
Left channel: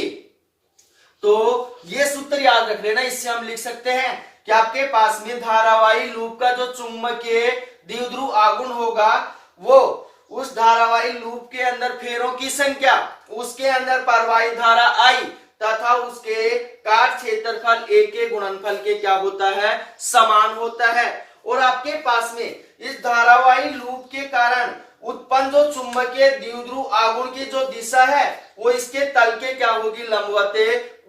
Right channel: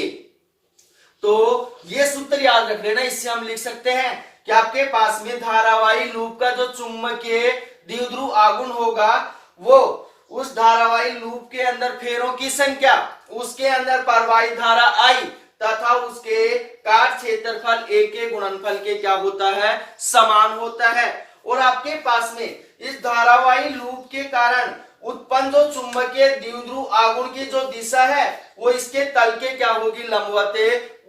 तो ये सूत्र याद रख लेना। इससे हम लिख सकते हैं कि आपके पास में धारावाही लूप का जो चुंबकीय द्विध्रुव आघूर्ण होगा वो उस धारावाही लूप के अंदर फेरों की संख्या, उसके अंदर प्रवाहित धारा I तथा उसके काट क्षेत्रफल A के गुणनफल के क्या होता है, समान होता है। और आपके पास में इस धारावाही लूप के कारण उत्पन्न जो चुंबकीय द्विध्रुव आघूर्ण की जो दिशा है वो इसके तल के क्या होगी, लंबवत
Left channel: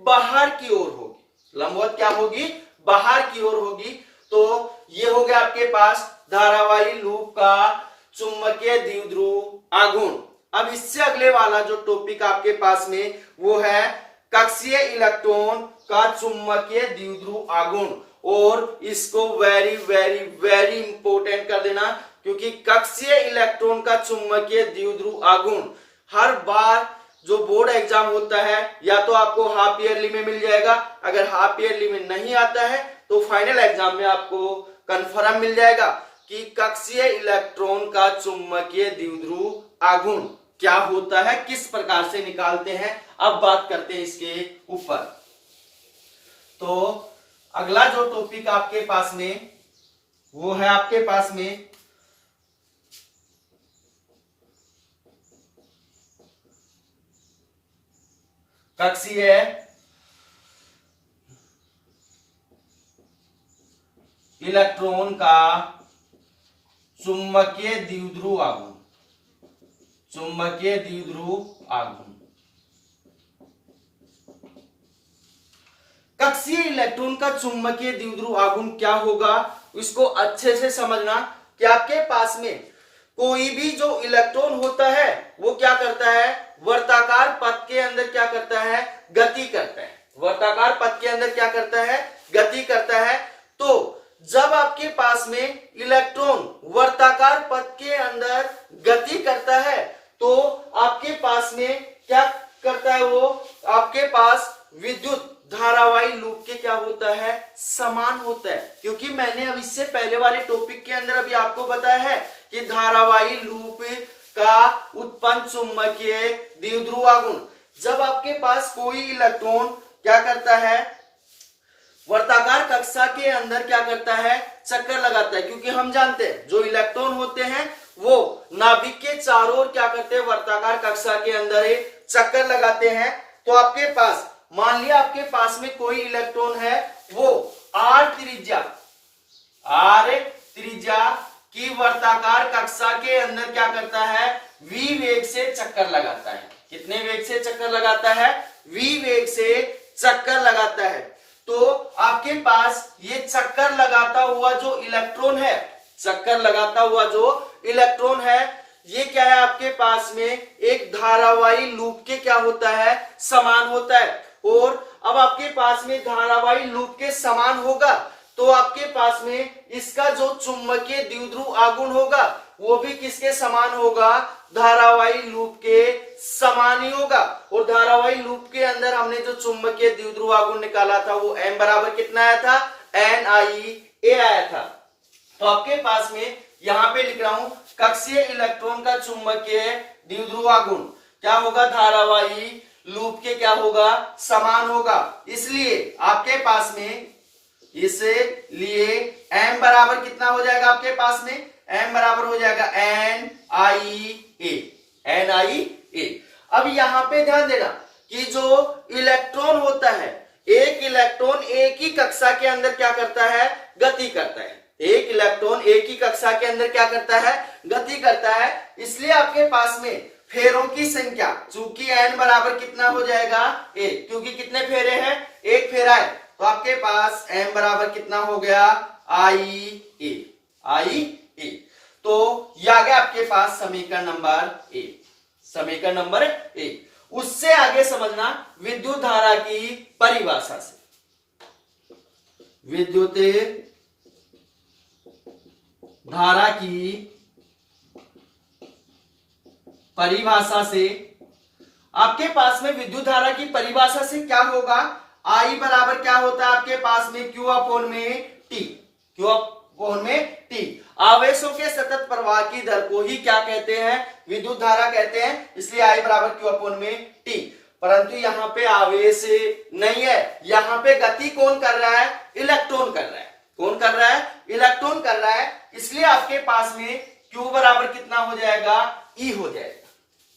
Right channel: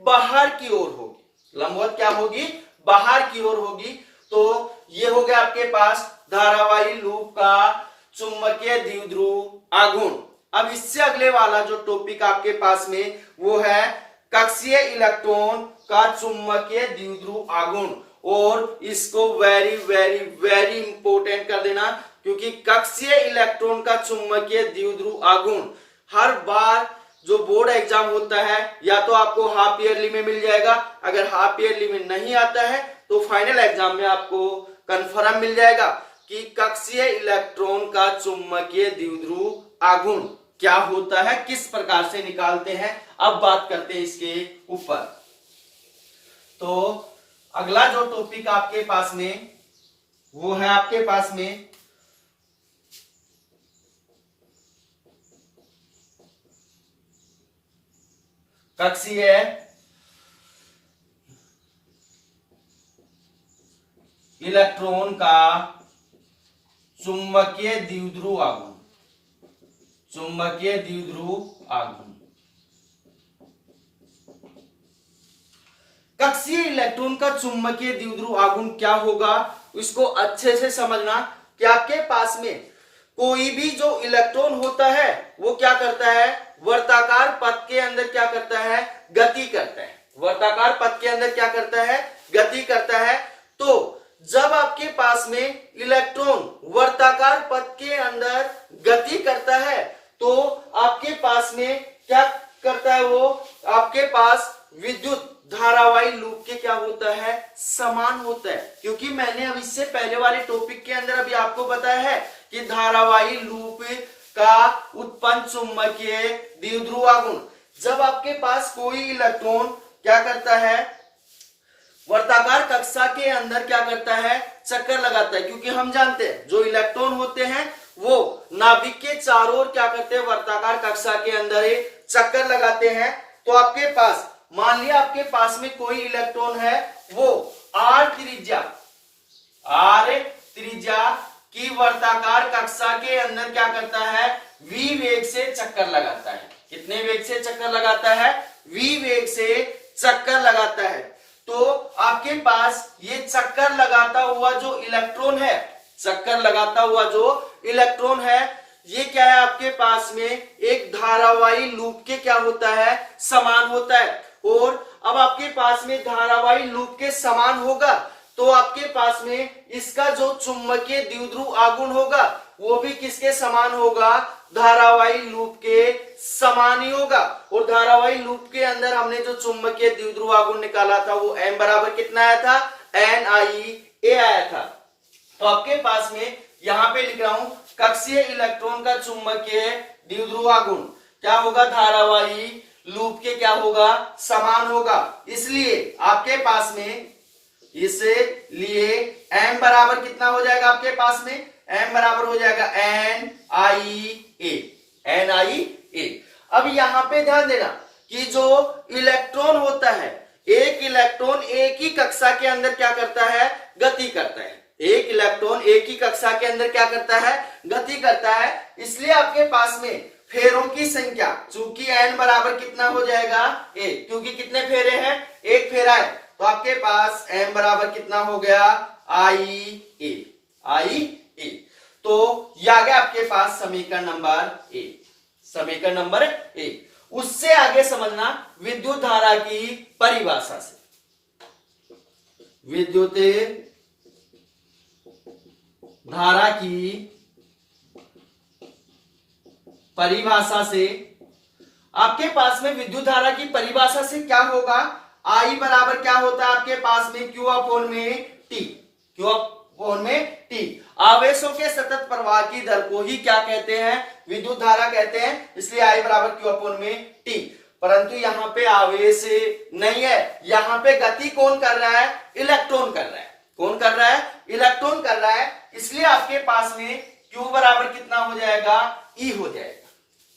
बाहर की ओर होगी। लंबवत क्या होगी, बाहर की ओर होगी। तो ये हो गया आपके पास धारावाही लूप का चुंबकीय द्विध्रुव आघूर्ण। अब इससे अगले वाला जो टॉपिक आपके पास में वो है कक्षीय इलेक्ट्रॉन का चुंबकीय द्विध्रुव आघूर्ण। और इसको वेरी वेरी वेरी इंपॉर्टेंट कर देना, क्योंकि कक्षीय इलेक्ट्रॉन का चुंबकीय द्विध्रुव आघूर्ण हर बार जो बोर्ड एग्जाम होता है या तो आपको हाफ ईयरली में मिल जाएगा, अगर हाफ ईयरली में नहीं आता है तो फाइनल एग्जाम में आपको कंफर्म मिल जाएगा कि कक्षीय इलेक्ट्रॉन का चुंबकीय द्विध्रुव आघूर्ण क्या होता है, किस प्रकार से निकालते हैं। अब बात करते हैं इसके ऊपर। तो अगला जो टॉपिक आपके पास में वो है आपके पास में कक्षीय इलेक्ट्रॉन का चुंबकीय द्विध्रुव आघूर्ण। चुंबकीय द्विध्रुव आघूर्ण। कक्षीय इलेक्ट्रॉन का चुंबकीय द्विध्रुव आघूर्ण क्या होगा इसको अच्छे से समझना कि आपके पास में कोई भी जो इलेक्ट्रॉन होता है वो क्या करता है, वर्ताकार पथ के अंदर क्या करता है, गति करता है। वर्ताकार पथ के अंदर क्या करता है, गति करता है। तो जब आपके पास में इलेक्ट्रॉन वर्ताकार पथ के अंदर गति करता है तो आपके पास में क्या करता है, वो आपके पास विद्युत धारावाही लूप के क्या होता है, समान होता है। क्योंकि मैंने अब इससे पहले वाले टॉपिक के अंदर अभी आपको बताया है कि धारावाही लूप का उत्पन्न चुंबकीय द्विध्रुव आघूर्ण, जब आपके पास कोई इलेक्ट्रॉन क्या करता है, वर्ताकार कक्षा के अंदर क्या करता है, चक्कर लगाता है। क्योंकि हम जानते हैं जो इलेक्ट्रॉन होते हैं वो नाभिक के चारों ओर क्या करते हैं, वर्ताकार कक्षा के अंदर चक्कर लगाते हैं। तो आपके पास मान लिया आपके पास में कोई इलेक्ट्रॉन है, वो आर त्रिज्या की वर्ताकार कक्षा के अंदर क्या करता है, v वेग से चक्कर लगाता है। कितने वेग से चक्कर लगाता है, v वेग से चक्कर लगाता है। तो आपके पास ये चक्कर लगाता हुआ जो इलेक्ट्रॉन है, चक्कर लगाता हुआ जो इलेक्ट्रॉन है, ये क्या है, आपके पास में एक धारावाही लूप के क्या होता है, समान होता है। और अब आपके पास में धारावाही लूप के समान होगा तो आपके पास में इसका जो चुंबकीय द्विध्रुव आघूर्ण होगा वो भी किसके समान होगा, धारावाही लूप के समान ही होगा। और धारावाही लूप के अंदर हमने जो चुंबकीय द्विध्रुव आघूर्ण निकाला था वो m बराबर कितना आया था, NiA आया था। तो आपके पास में यहां पे लिख रहा हूं, कक्षीय इलेक्ट्रॉन का चुंबकीय द्विध्रुव आघूर्ण क्या होगा, धारावाही लूप के क्या होगा, समान होगा। इसलिए आपके पास में इसलिए m बराबर कितना हो जाएगा, आपके पास में m बराबर हो जाएगा NiA। अब यहां पे ध्यान देना कि जो इलेक्ट्रॉन होता है, एक इलेक्ट्रॉन एक ही कक्षा के अंदर क्या करता है, गति करता है। एक इलेक्ट्रॉन एक ही कक्षा के अंदर क्या करता है, गति करता है। इसलिए आपके पास में फेरों की संख्या, चूंकि n बराबर कितना हो जाएगा, a, क्योंकि कितने फेरे हैं, एक फेरा है, तो आपके पास m बराबर कितना हो गया, IA। तो ये आ गया आपके पास समीकरण नंबर ए। समीकरण नंबर ए। उससे आगे समझना विद्युत धारा की परिभाषा से। विद्युत धारा की परिभाषा से आपके पास में विद्युत धारा की परिभाषा से क्या होगा, I बराबर क्या होता है आपके पास में Q अपॉन में T। Q अपॉन में T। आवेशों के सतत प्रवाह की दर को ही क्या कहते हैं, विद्युत धारा कहते हैं। इसलिए I बराबर Q अपॉन में T। परंतु यहाँ पे आवेश नहीं है, यहाँ पे गति कौन कर रहा है, इलेक्ट्रॉन कर रहा है। कौन कर रहा है, इलेक्ट्रॉन कर रहा है। इसलिए आपके पास में Q बराबर कितना हो जाएगा, E हो जाएगा।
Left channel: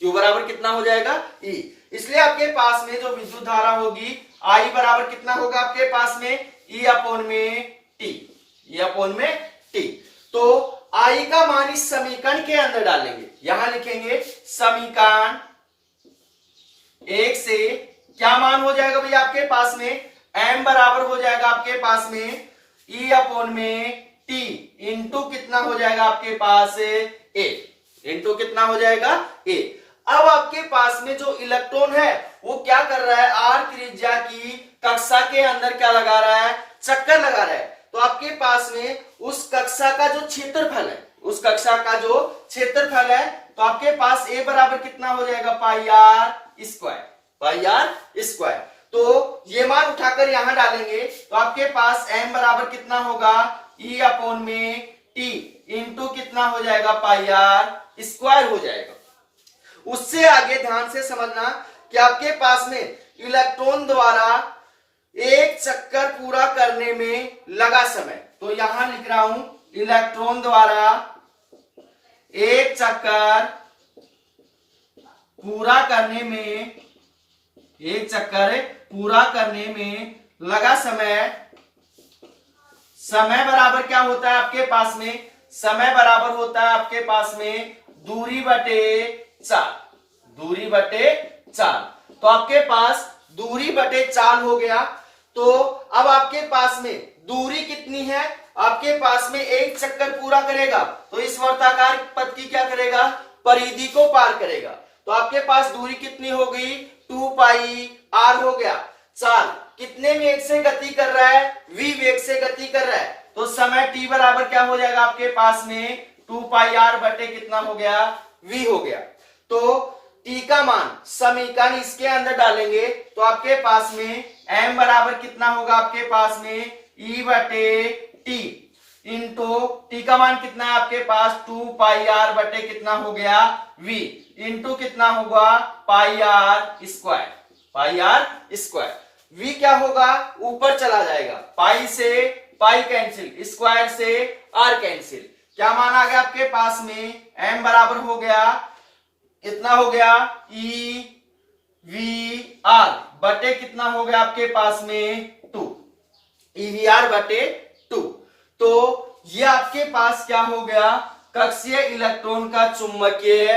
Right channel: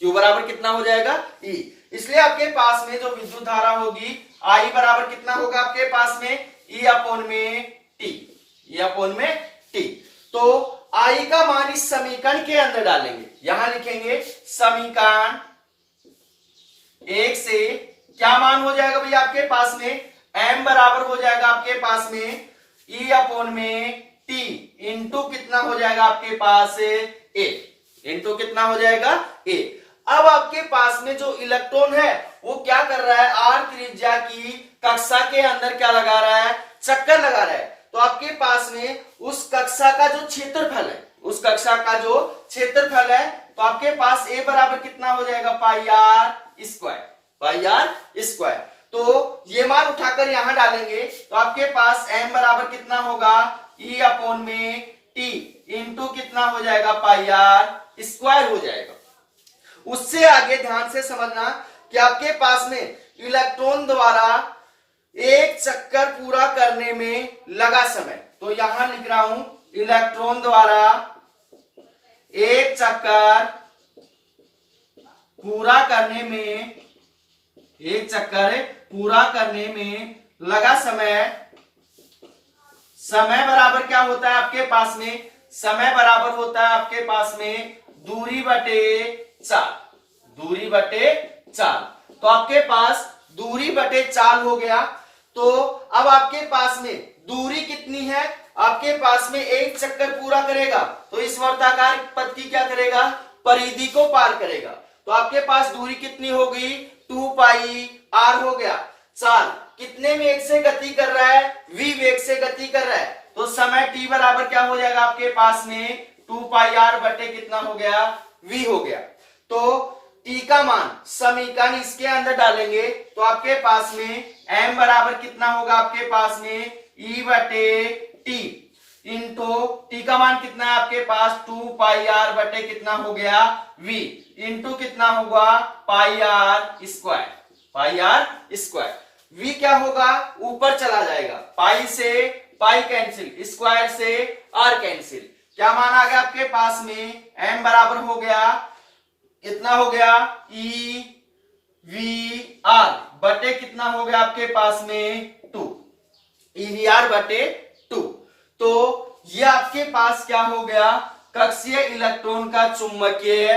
Q बराबर कितना हो जाएगा, E। इसलिए आपके पास में जो विद्युत धारा होगी I बराबर कितना होगा आपके पास में, E अपॉन में T। E अपॉन में T। तो I का मान इस समीकरण के अंदर डालेंगे, यहां लिखेंगे समीकरण 1 से क्या मान हो जाएगा भैया आपके पास में, m बराबर हो जाएगा आपके पास में E अपॉन में T इंटू कितना हो जाएगा आपके पास A। इंटू कितना हो जाएगा A। अब आपके पास में जो इलेक्ट्रॉन है वो क्या कर रहा है, r त्रिज्या की कक्षा के अंदर क्या लगा रहा है, चक्कर लगा रहा है। तो आपके पास में उस कक्षा का जो क्षेत्रफल है, उस कक्षा का जो क्षेत्रफल है, तो आपके पास A बराबर कितना हो जाएगा, पाई आर स्क्वायर। तो ये मान उठाकर यहां डालेंगे तो आपके पास m बराबर कितना होगा, E अपॉन में T इंटू कितना हो जाएगा, पाई आर स्क्वायर हो जाएगा। उससे आगे ध्यान से समझना कि आपके पास में इलेक्ट्रॉन द्वारा एक चक्कर पूरा करने में लगा समय, तो यहां लिख रहा हूं इलेक्ट्रॉन द्वारा एक चक्कर पूरा करने में, एक चक्कर पूरा करने में लगा समय बराबर क्या होता है आपके पास में, समय बराबर होता है आपके पास में दूरी बटे चाल। तो आपके पास दूरी बटे चाल हो गया। तो अब आपके पास में दूरी कितनी है, आपके पास में एक चक्कर पूरा करेगा तो इस वर्ताकार पथ की क्या करेगा, परिधि को पार करेगा। तो आपके पास दूरी कितनी हो गई, 2 पाई r हो गया। चाल कितने वेग से गति कर रहा है, v वेग से गति कर रहा है। तो समय t बराबर क्या हो जाएगा आपके पास में 2 पाई r बटे कितना हो गया, v हो गया। तो t का मान समीकरण इसके अंदर डालेंगे तो आपके पास में m बराबर कितना होगा आपके पास में e बटे t इंटू t का मान कितना है आपके पास 2 पाई r बटे कितना हो गया v इंटू कितना होगा पाई r स्क्वायर। v क्या होगा, ऊपर चला जाएगा, पाई से पाई कैंसिल, स्क्वायर से r कैंसिल। क्या मान आ गया आपके पास में, m बराबर हो गया इतना हो गया e वी आर बटे कितना हो गया आपके पास में 2, EVR बटे 2। तो ये आपके पास क्या हो गया, कक्षीय इलेक्ट्रॉन का चुंबकीय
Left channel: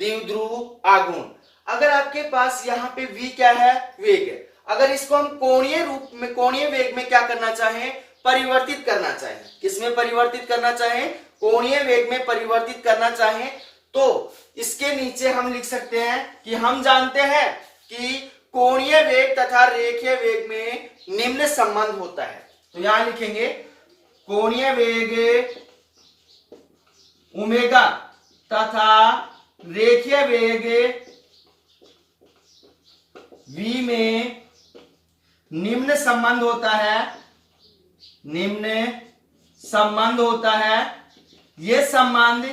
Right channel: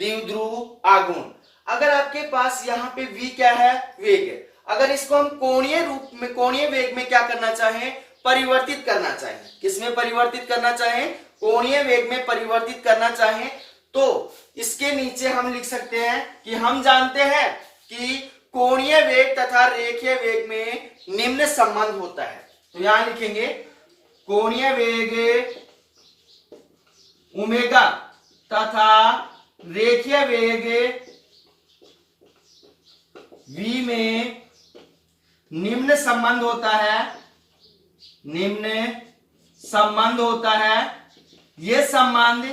द्विध्रुव आघूर्ण। अगर आपके पास यहाँ पे V क्या है, वेग है, अगर इसको हम कोणीय रूप में, कोणीय वेग में क्या करना चाहें, परिवर्तित करना चाहें, किसमें परिवर्तित करना चाहें, कोणीय वेग में परिवर्तित करना चाहें, तो इसके नीचे हम लिख सकते हैं कि हम जानते हैं कि कोणीय वेग तथा रेखीय वेग में निम्न संबंध होता है। तो यहां लिखेंगे कोणीय वेग ओमेगा तथा रेखीय वेग v में निम्न संबंध होता है, निम्न संबंध होता है। यह संबंध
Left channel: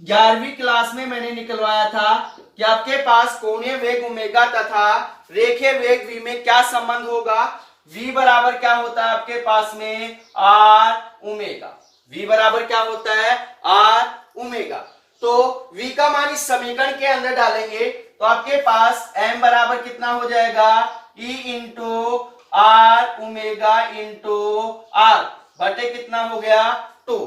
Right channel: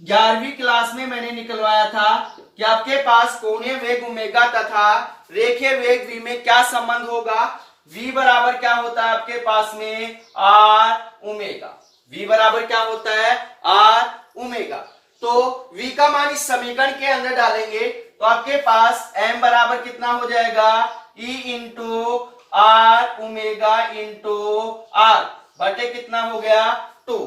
11वीं क्लास में मैंने निकलवाया था कि आपके पास कोणीय वेग ओमेगा तथा रेखीय वेग v में क्या संबंध होगा, v बराबर क्या होता है आपके पास में r ओमेगा, v बराबर क्या होता है r ओमेगा। तो v का मान इस समीकरण के अंदर डालेंगे तो आपके पास m बराबर कितना हो जाएगा, e into r omega into r बटे कितना हो गया 2,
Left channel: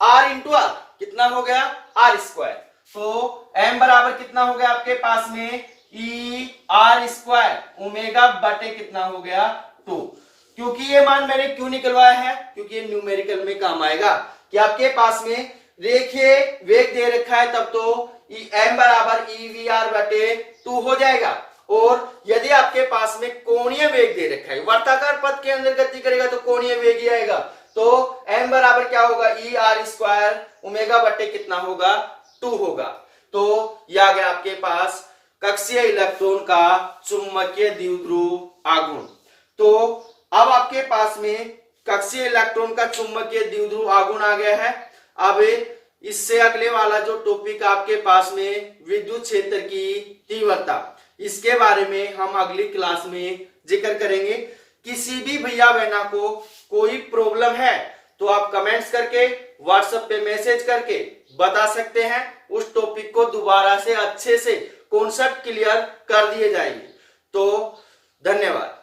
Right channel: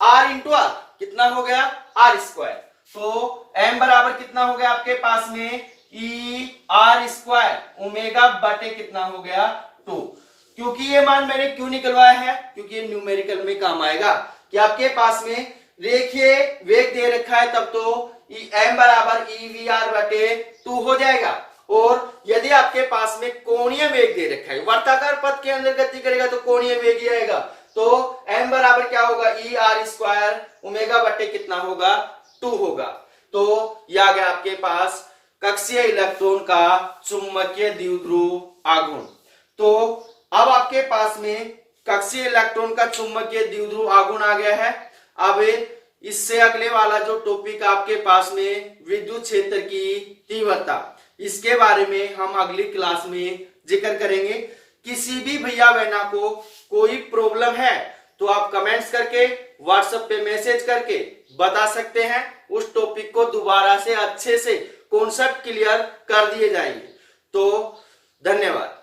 r इंटू r कितना हो गया r स्क्वायर। तो m बराबर कितना हो गया आपके पास में e r स्क्वायर ओमेगा बटे कितना हो गया 2। क्योंकि ये मान मैंने क्यों निकलवाया है, क्योंकि ये न्यूमेरिकल में काम आएगा कि आपके पास में रेखीय वेग दे रखा है, तब तो m बराबर EVR बटे 2 हो जाएगा। और यदि आपके पास में कोणीय वेग दे रखा है, वर्ताकार पथ के अंदर गति करेगा तो कोणीय वेग ही आएगा, तो m बराबर क्या होगा ER स्क्वायर ओमेगा बटे कितना होगा 2 होगा। तो यह आ गया आपके पास कक्षीय इलेक्ट्रॉन का चुंबकीय द्विध्रुव आघूर्ण। तो अब आपके पास में कक्षीय इलेक्ट्रॉन का चुंबकीय द्विध्रुव आघूर्ण आ गया है। अब इससे अगले वाला जो टॉपिक आपके पास में विद्युत क्षेत्र की तीव्रता, इसके बारे में हम अगली क्लास में जिक्र करेंगे। किसी भी भैया बहना को कोई प्रॉब्लम है तो आप कमेंट्स करके, व्हाट्सएप पे मैसेज करके बता सकते हैं, उस टॉपिक को दोबारा से अच्छे से कॉन्सेप्ट क्लियर कर दिए जाएंगे। तो धन्यवाद।